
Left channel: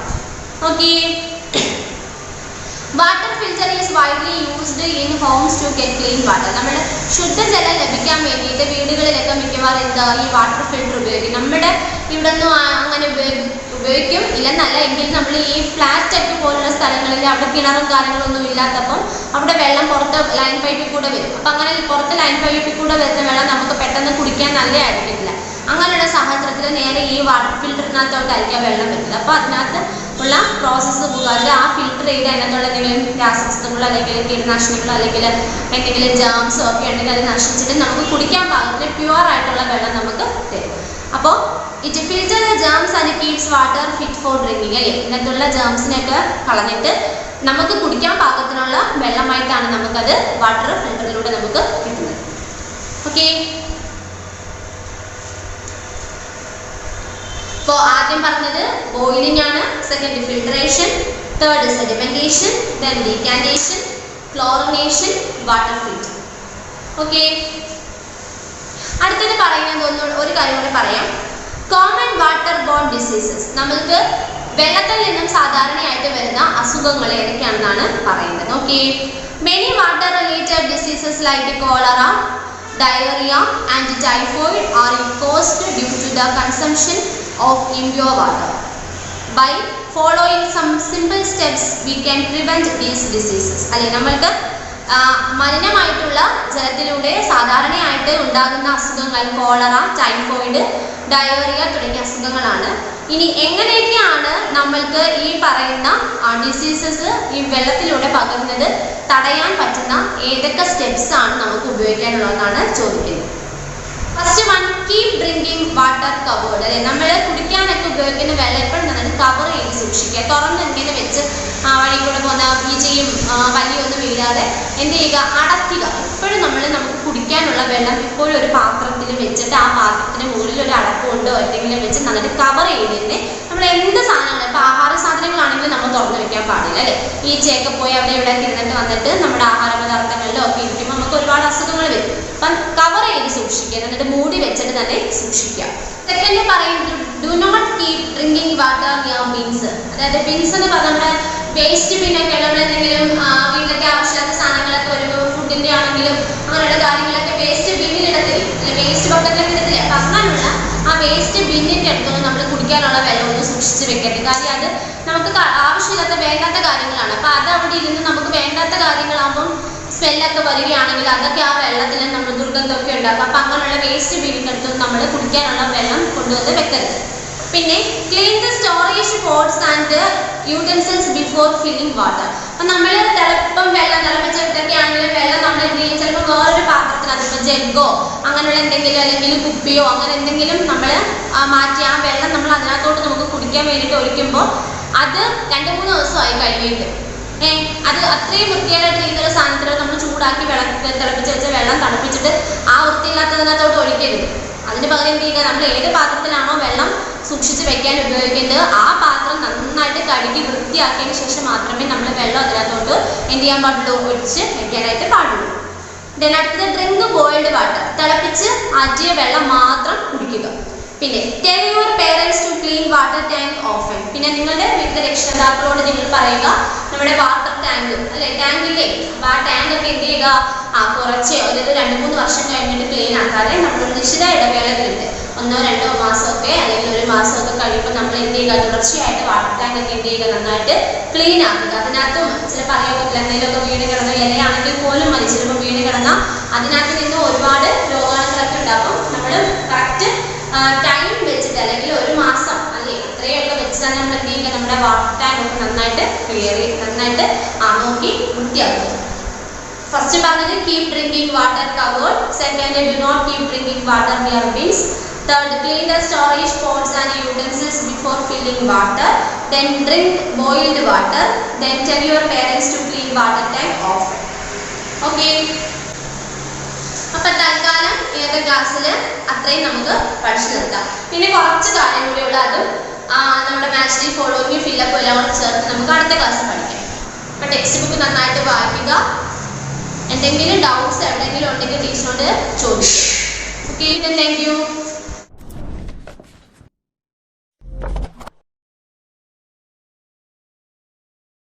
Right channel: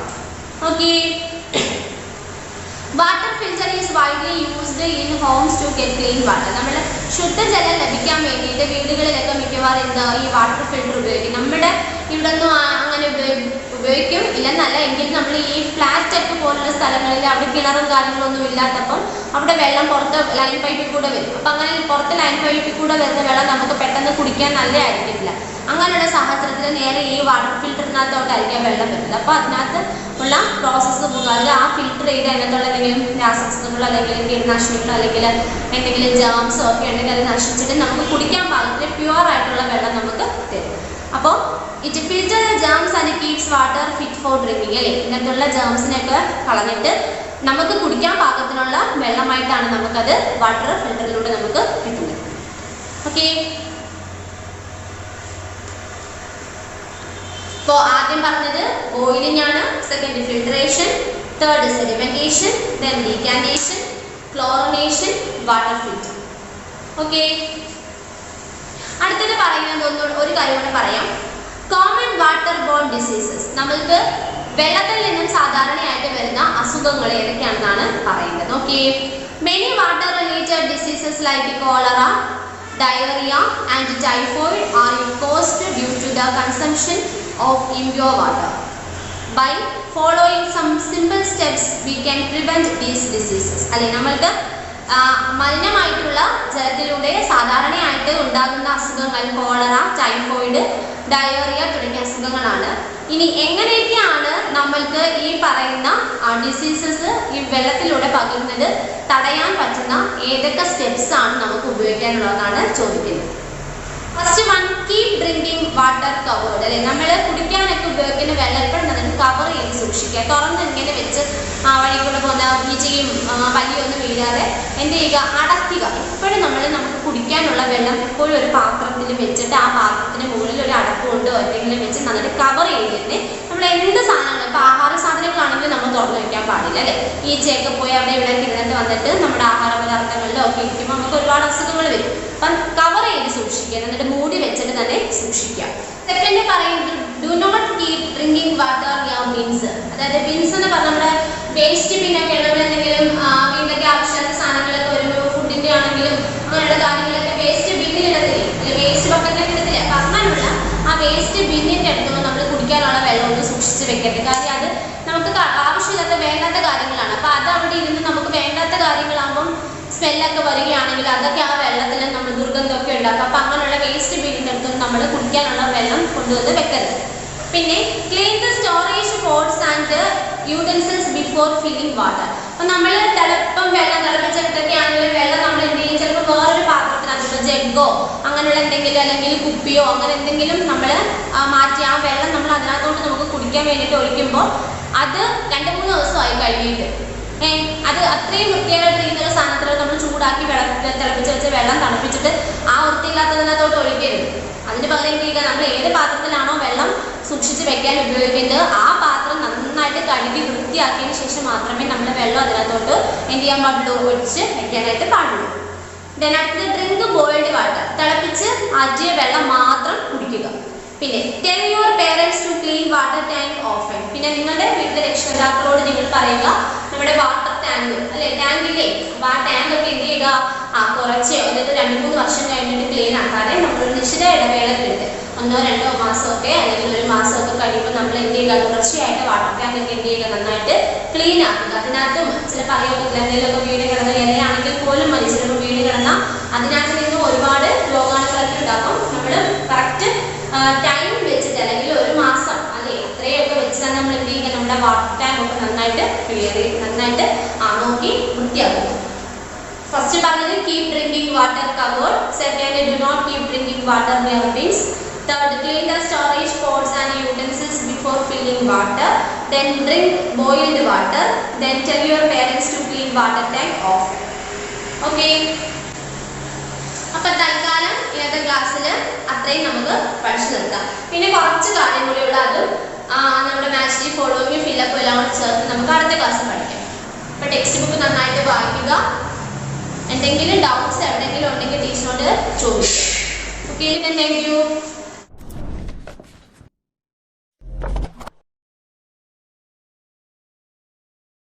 Okay. Water filter is widely used in homes to get clean water. നമ്മൾ ശുദ്ധജലം ലഭിക്കാൻ വേണ്ടിയിട്ട് വീടുകളിലൊക്കെ മിക്കവാറും ഈ വാട്ടർ ഫിൽറ്റർ ഉപയോഗിക്കും. നമ്മുടെ ഇവിടെ ഒന്നും അങ്ങനെ ഉപയോഗിക്കും ഇല്ലെന്നല്ല, എങ്കിലും നമ്മൾ ഈ ഫ്ലാറ്റ് ഒക്കെ പോലുള്ള സ്ഥലങ്ങളിൽ അവിടെ കിണറും കാര്യങ്ങളൊന്നും ഇല്ലാത്തപ്പം അവിടെ വെള്ളം പുറത്ത് ലൈൻ പൈപ്പിൽ കൂടെ വരും. അപ്പം അങ്ങനെ പുറത്ത് ലൈൻ പൈപ്പിൽ കൂടെ വരുന്ന വെള്ളം നമുക്ക് പെട്ടെന്ന് കുടിക്കാൻ നല്ലതായിരിക്കില്ല. അങ്ങനെയുള്ള സാഹചര്യത്തിൽ നേരെ ഈ വാട്ടർ ഫിൽറ്ററിനകത്തോട്ടായിരിക്കും വെള്ളം വരുന്നത്. അപ്പോൾ അതിനകത്ത് ഉള്ള പ്രോസസ്സ് മുഖാന്തരം ആ ഫിൽറ്റർ ചെയ്ത് അതിനകത്തുള്ള എന്തെങ്കിലും രാസവസ്തുക്കളോ അല്ലെങ്കിൽ കീടനാശിനികളോ അല്ലെങ്കിൽ എന്തെങ്കിലും ജേംസോ ഒക്കെ ഉണ്ടെങ്കിൽ അത് നശിച്ചിട്ട് നമുക്ക് കുടിക്കാൻ പാകത്തിന് പ്യുവർ ആയിട്ടുള്ള വെള്ളം നമുക്ക് തരും. അപ്പോൾ it filter the germs and keeps water fit for drinking അല്ലേ. ഇതിനകത്തുള്ള ജേംസിനെയൊക്കെ കളഞ്ഞിട്ട് നമുക്ക് കുടിക്കാൻ പാകത്തിനുള്ള വെള്ളമായിട്ടാണ് നമുക്കത് വാട്ടർ ഫിൽറ്ററിലൂടെ നമുക്ക് കിട്ടുന്നത്. ഓക്കെ. അപ്പോൾ ആദ്യം പറഞ്ഞത് ബോയിലിംഗ് ആണ്, second filtration, third sedimentation, then decantation, chlorination, water filter. Okay. അടുത്തത് പറയുന്നത് ഒരു കാര്യം കൂടെ പറയാം. Common water borne diseases. നമ്മൾക്ക് വെള്ളത്തിൽ നിന്നും സാധാരണയായിട്ട് വരുന്ന അസുഖങ്ങൾ ഏതൊക്കെയാണെന്നാണ് പറയുന്നത്. Okay. Many water related diseases like cholera, diarrhea and typhoid are caused due to the consumption of impure water. By following some simple steps we can prevent these diseases. അല്ലെ, നമ്മൾക്ക് മലിനമായിട്ടുള്ള ജലത്തിലൂടെ സാധാരണയായിട്ട് ഉണ്ടാകുന്ന അസുഖങ്ങൾ കോളറ, ടൈഫോയിഡ്, ഡയോറിയ തുടങ്ങിയ അസുഖങ്ങളാണ്. ഇനി എങ്ങനെയൊക്കെയാണ് നമ്മൾക്ക് ഈ പറയുന്ന ഡിസീസസ് ഈ വെള്ളത്തിലൂടെ പകരുന്നത് തടയാൻ പറ്റുന്ന ഏതൊക്കെ സ്റ്റെപ്സ് ആണ് നമുക്ക് ഉപയോഗിക്കാനുള്ളതെന്നാണ് ചോദിക്കുന്നത്. First one, keep drinking water covered അല്ലെ. നമ്മൾ കുടിക്കാനൊക്കെ ഉപയോഗിക്കുന്ന വെള്ളം എപ്പോഴും തന്നെ കവർ ചെയ്ത് സൂക്ഷിക്കുക. തുറന്ന് ഇങ്ങനെ വെച്ച് വഴി കൂടെ പോകുന്ന ഈച്ചയും വലിയൊന്നും വീഴാതെ എന്ത് ചെയ്യുക, അടയ്ക്കുക. എപ്പോഴും നമുക്ക് കുടിക്കാനുള്ള വെള്ളം എപ്പോഴും ഒരു പാത്രത്തിൽ വെച്ചിട്ട് ആ പാത്രത്തിന് മുകളിൽ ഒരു അടപ്പ് കൊണ്ടോ എന്തെങ്കിലും വെച്ച് നന്നായിട്ട് കവർ ചെയ്തിട്ട് നമ്മൾ എന്ത് സാധനങ്ങൾ ഇപ്പോൾ ആഹാര സാധനങ്ങളാണെങ്കിലും നമ്മൾ തുറന്നു വെക്കാൻ പാടില്ല അല്ലേ. ഈച്ചയൊക്കെ പോയി അവിടെ ഇവിടെ ഇരുന്നിട്ട് വന്നിട്ട് നമ്മുടെ ആഹാര പദാർത്ഥങ്ങളിലോ ഒക്കെ ഇരിക്കുമ്പോൾ നമുക്ക് ഒരുപാട് അസുഖങ്ങൾ വരും. അപ്പം കവർ ചെയ്ത് സൂക്ഷിക്കുക, എന്നിട്ട് മൂടി വെച്ചിട്ട് തന്നെ സൂക്ഷിക്കുക. സെക്കൻഡ് പറയുന്നത് do not keep drinking water near bins. അതായത് ബിൻസ് എന്ന് പറഞ്ഞാൽ നമ്മുടെ വേസ്റ്റ് ബിന്നൊക്കെ നമ്മൾ എന്തെങ്കിലും വീട്ടിലൊക്കെ ആവശ്യമില്ലാത്ത സാധനങ്ങളൊക്കെ വരുമ്പോൾ ഫുഡിൻ്റെ ആണെങ്കിലും അങ്ങനെയുള്ള കാര്യങ്ങളൊക്കെ വേസ്റ്റ് ബിന്നിലിടത്തില്ലേ അല്ലെ, വേസ്റ്റ് ബക്കറ്റിലൊക്കെ ഇടത്തില്ലേ. അപ്പം അങ്ങനെയുള്ള ആ വേസ്റ്റ് ബിന്നിൻ്റെ അടുത്തൊന്നും നമ്മൾ കുടിക്കാനുള്ള വെള്ളം ഒന്ന് സൂക്ഷിച്ച് വെക്കരുത്. കാര്യം അത് നമുക്ക് ആവശ്യമില്ലാത്ത വേണ്ടാത്ത കാര്യങ്ങളാണ്. അപ്പം അത് അവിടെ ഇരുന്ന് നമുക്ക് വേണ്ടാത്ത കാര്യങ്ങളാകുമ്പം സ്മെല്ലൊക്കെ വരികയാണെങ്കിൽ അതൊക്കെ ആ വെള്ളത്തിൽ നമ്മൾ ദുർഗന്ധമൊക്കെ ഉണ്ടാക്കും. അപ്പം അങ്ങനെയുള്ള വേസ്റ്റ് ബിന്നിൻ്റെ അടുത്തും നമ്മൾ കുടിക്കാനുള്ള വെള്ളം കൊണ്ടുവന്ന് വെക്കരുത്. പിന്നെ clean the storage pots and utensils before filling water. അപ്പം നമ്മൾ വെള്ളം തിളപ്പിച്ചിട്ടൊക്കെ ആണെങ്കിലും വെള്ളം നമ്മൾ എന്ത് ചെയ്യും, ചിലപ്പോൾ വേറൊരു പാത്രത്തിനകത്ത് ഇപ്പോൾ ജഗ്ഗോ അങ്ങനെയുള്ള എന്തെങ്കിലും അല്ലെങ്കിൽ കുപ്പിയോ അങ്ങനെ എന്തെങ്കിലും നമ്മൾ മാറ്റി ആ വെള്ളം നമ്മൾ അതിനകത്തോട്ട് നമുക്ക് കുടിക്കാൻ വേണ്ടിയിട്ട് ഒഴിക്കുമ്പോൾ അത് 2-3 ദിവസമായി കഴിഞ്ഞിട്ട് അത് അത്രയും വൃത്തിയായിട്ടിരിക്കുന്ന ഒരു സാധനത്തിൽ നമ്മൾ ചൂടാക്കി തിളപ്പിച്ച് വെച്ച വെള്ളം തണുപ്പിച്ചിട്ട് ആ വൃത്തിയില്ലാത്തതിനകത്തോട്ട് ഒഴിക്കരുത്. അതിന് പകരം എന്ത് ചെയ്യുക, നമ്മൾ ഏത് പാത്രത്തിലാണോ വെള്ളം സൂക്ഷിച്ച് വെക്കാൻ ഉപയോഗിക്കേണ്ടത് ആ പാത്രം നന്നായിട്ട് കഴുകി വൃത്തിയാക്കിയതിന് ശേഷം മാത്രമേ നമ്മൾ വെള്ളം അതിനകത്തോട്ട് എന്ത് ചെയ്യാൻ പാടുള്ളൂ, ഒഴിച്ച് വെക്കാനായിട്ട് പാടുള്ളൂ. ദെൻ അടുത്തത് ഡ്രിങ്ക് ബോയിൽഡ് വാട്ടർ. തിളപ്പിച്ച് ആറ്റിയ വെള്ളം മാത്രം കുടിക്കുക. പിന്നെ tell your parents to clean water tank often. പിന്നെ നിങ്ങളുടെ വീട്ടിലെ രക്ഷിതാക്കളോട് നിങ്ങൾ പറയുക നമ്മുടെ വാട്ടർ ടാങ്ക് അല്ലെ ടാങ്കില്ലേ അപ്പൊ ആ ടാങ്ക് ഒക്കെ എന്ത് ചെയ്യുക കുറച്ചോ അതായത് 2-3 വർഷം കഴിഞ്ഞിട്ട് ക്ലീൻ ആക്കാതെ നമ്മളൊരു നിശ്ചിത ഇടവേളകളുണ്ട് 1-2 മാസമൊക്കെ അല്ലെങ്കിൽ 1 മാസമൊക്കെ കഴിയുമ്പോൾ നമ്മൾ എന്ത് ചെയ്യുക തുടർച്ചയായിട്ട് വാട്ടർ ടാങ്ക് ഒക്കെ എന്ത് ചെയ്യുക നന്നായിട്ട് ക്ലീൻ ആക്കുക. അതിനകത്തും ചിലപ്പോൾ അറിയാൻ എന്തെങ്കിലുമൊക്കെ വീട് കിടന്ന ഇലയാണെങ്കിൽ പോലും മതി ചിലപ്പോൾ വീട് കിടന്ന അതിനകത്ത് നിന്ന് ഒരുപാട് രോഗാണുക്കളൊക്കെ ഉണ്ടാകും. നമ്മൾ കറക്റ്റ് ടൈം വെച്ചിട്ട് അല്ലെങ്കിൽ 1 മാസം അല്ലെ അത്രയൊക്കെ വെച്ച് തന്നെ നമ്മൾ എന്ത് ചെയ്യുക നമ്മുടെ വാട്ടർ ടാങ്ക് ഒക്കെ നന്നായിട്ട് ക്ലിയർ നന്നായിട്ട് നോക്കി വൃത്തിയാക്കുക. ഫസ്റ്റ് പറഞ്ഞത് keep drinking water covered. Second do not keep drinking water near bins. Third, clean the storage pots and utensils before filling water. Then drink boiled water. Then tell your parents to clean water tank often. Okay. അപ്പോൾ തൽക്കാലം ഇന്നത്തെ ക്ലാസ്സിൽ അത്രയും നമുക്ക് പഠിച്ചു നിർത്താം. പിന്നെ കുറച്ച് കാര്യം കൂടിയുള്ള അതും നമ്മുടെ മാച്ച് ഫോളോയിങ് ഫില്ലപ്പും എല്ലാം കൂടി ചേർത്ത് നമുക്ക് അടുത്ത ക്ലാസ് പഠിക്കാം. അപ്പോൾ ടെക്സ്റ്റ് ബുക്ക് നന്നായിട്ട് വായിക്കുക. എന്തെങ്കിലും ഡൗട്ട്സ് എവിടെയെങ്കിലും ഉണ്ടെങ്കിൽ ടീച്ചറിനോട് ചോദിക്കുക. Okay, thank you.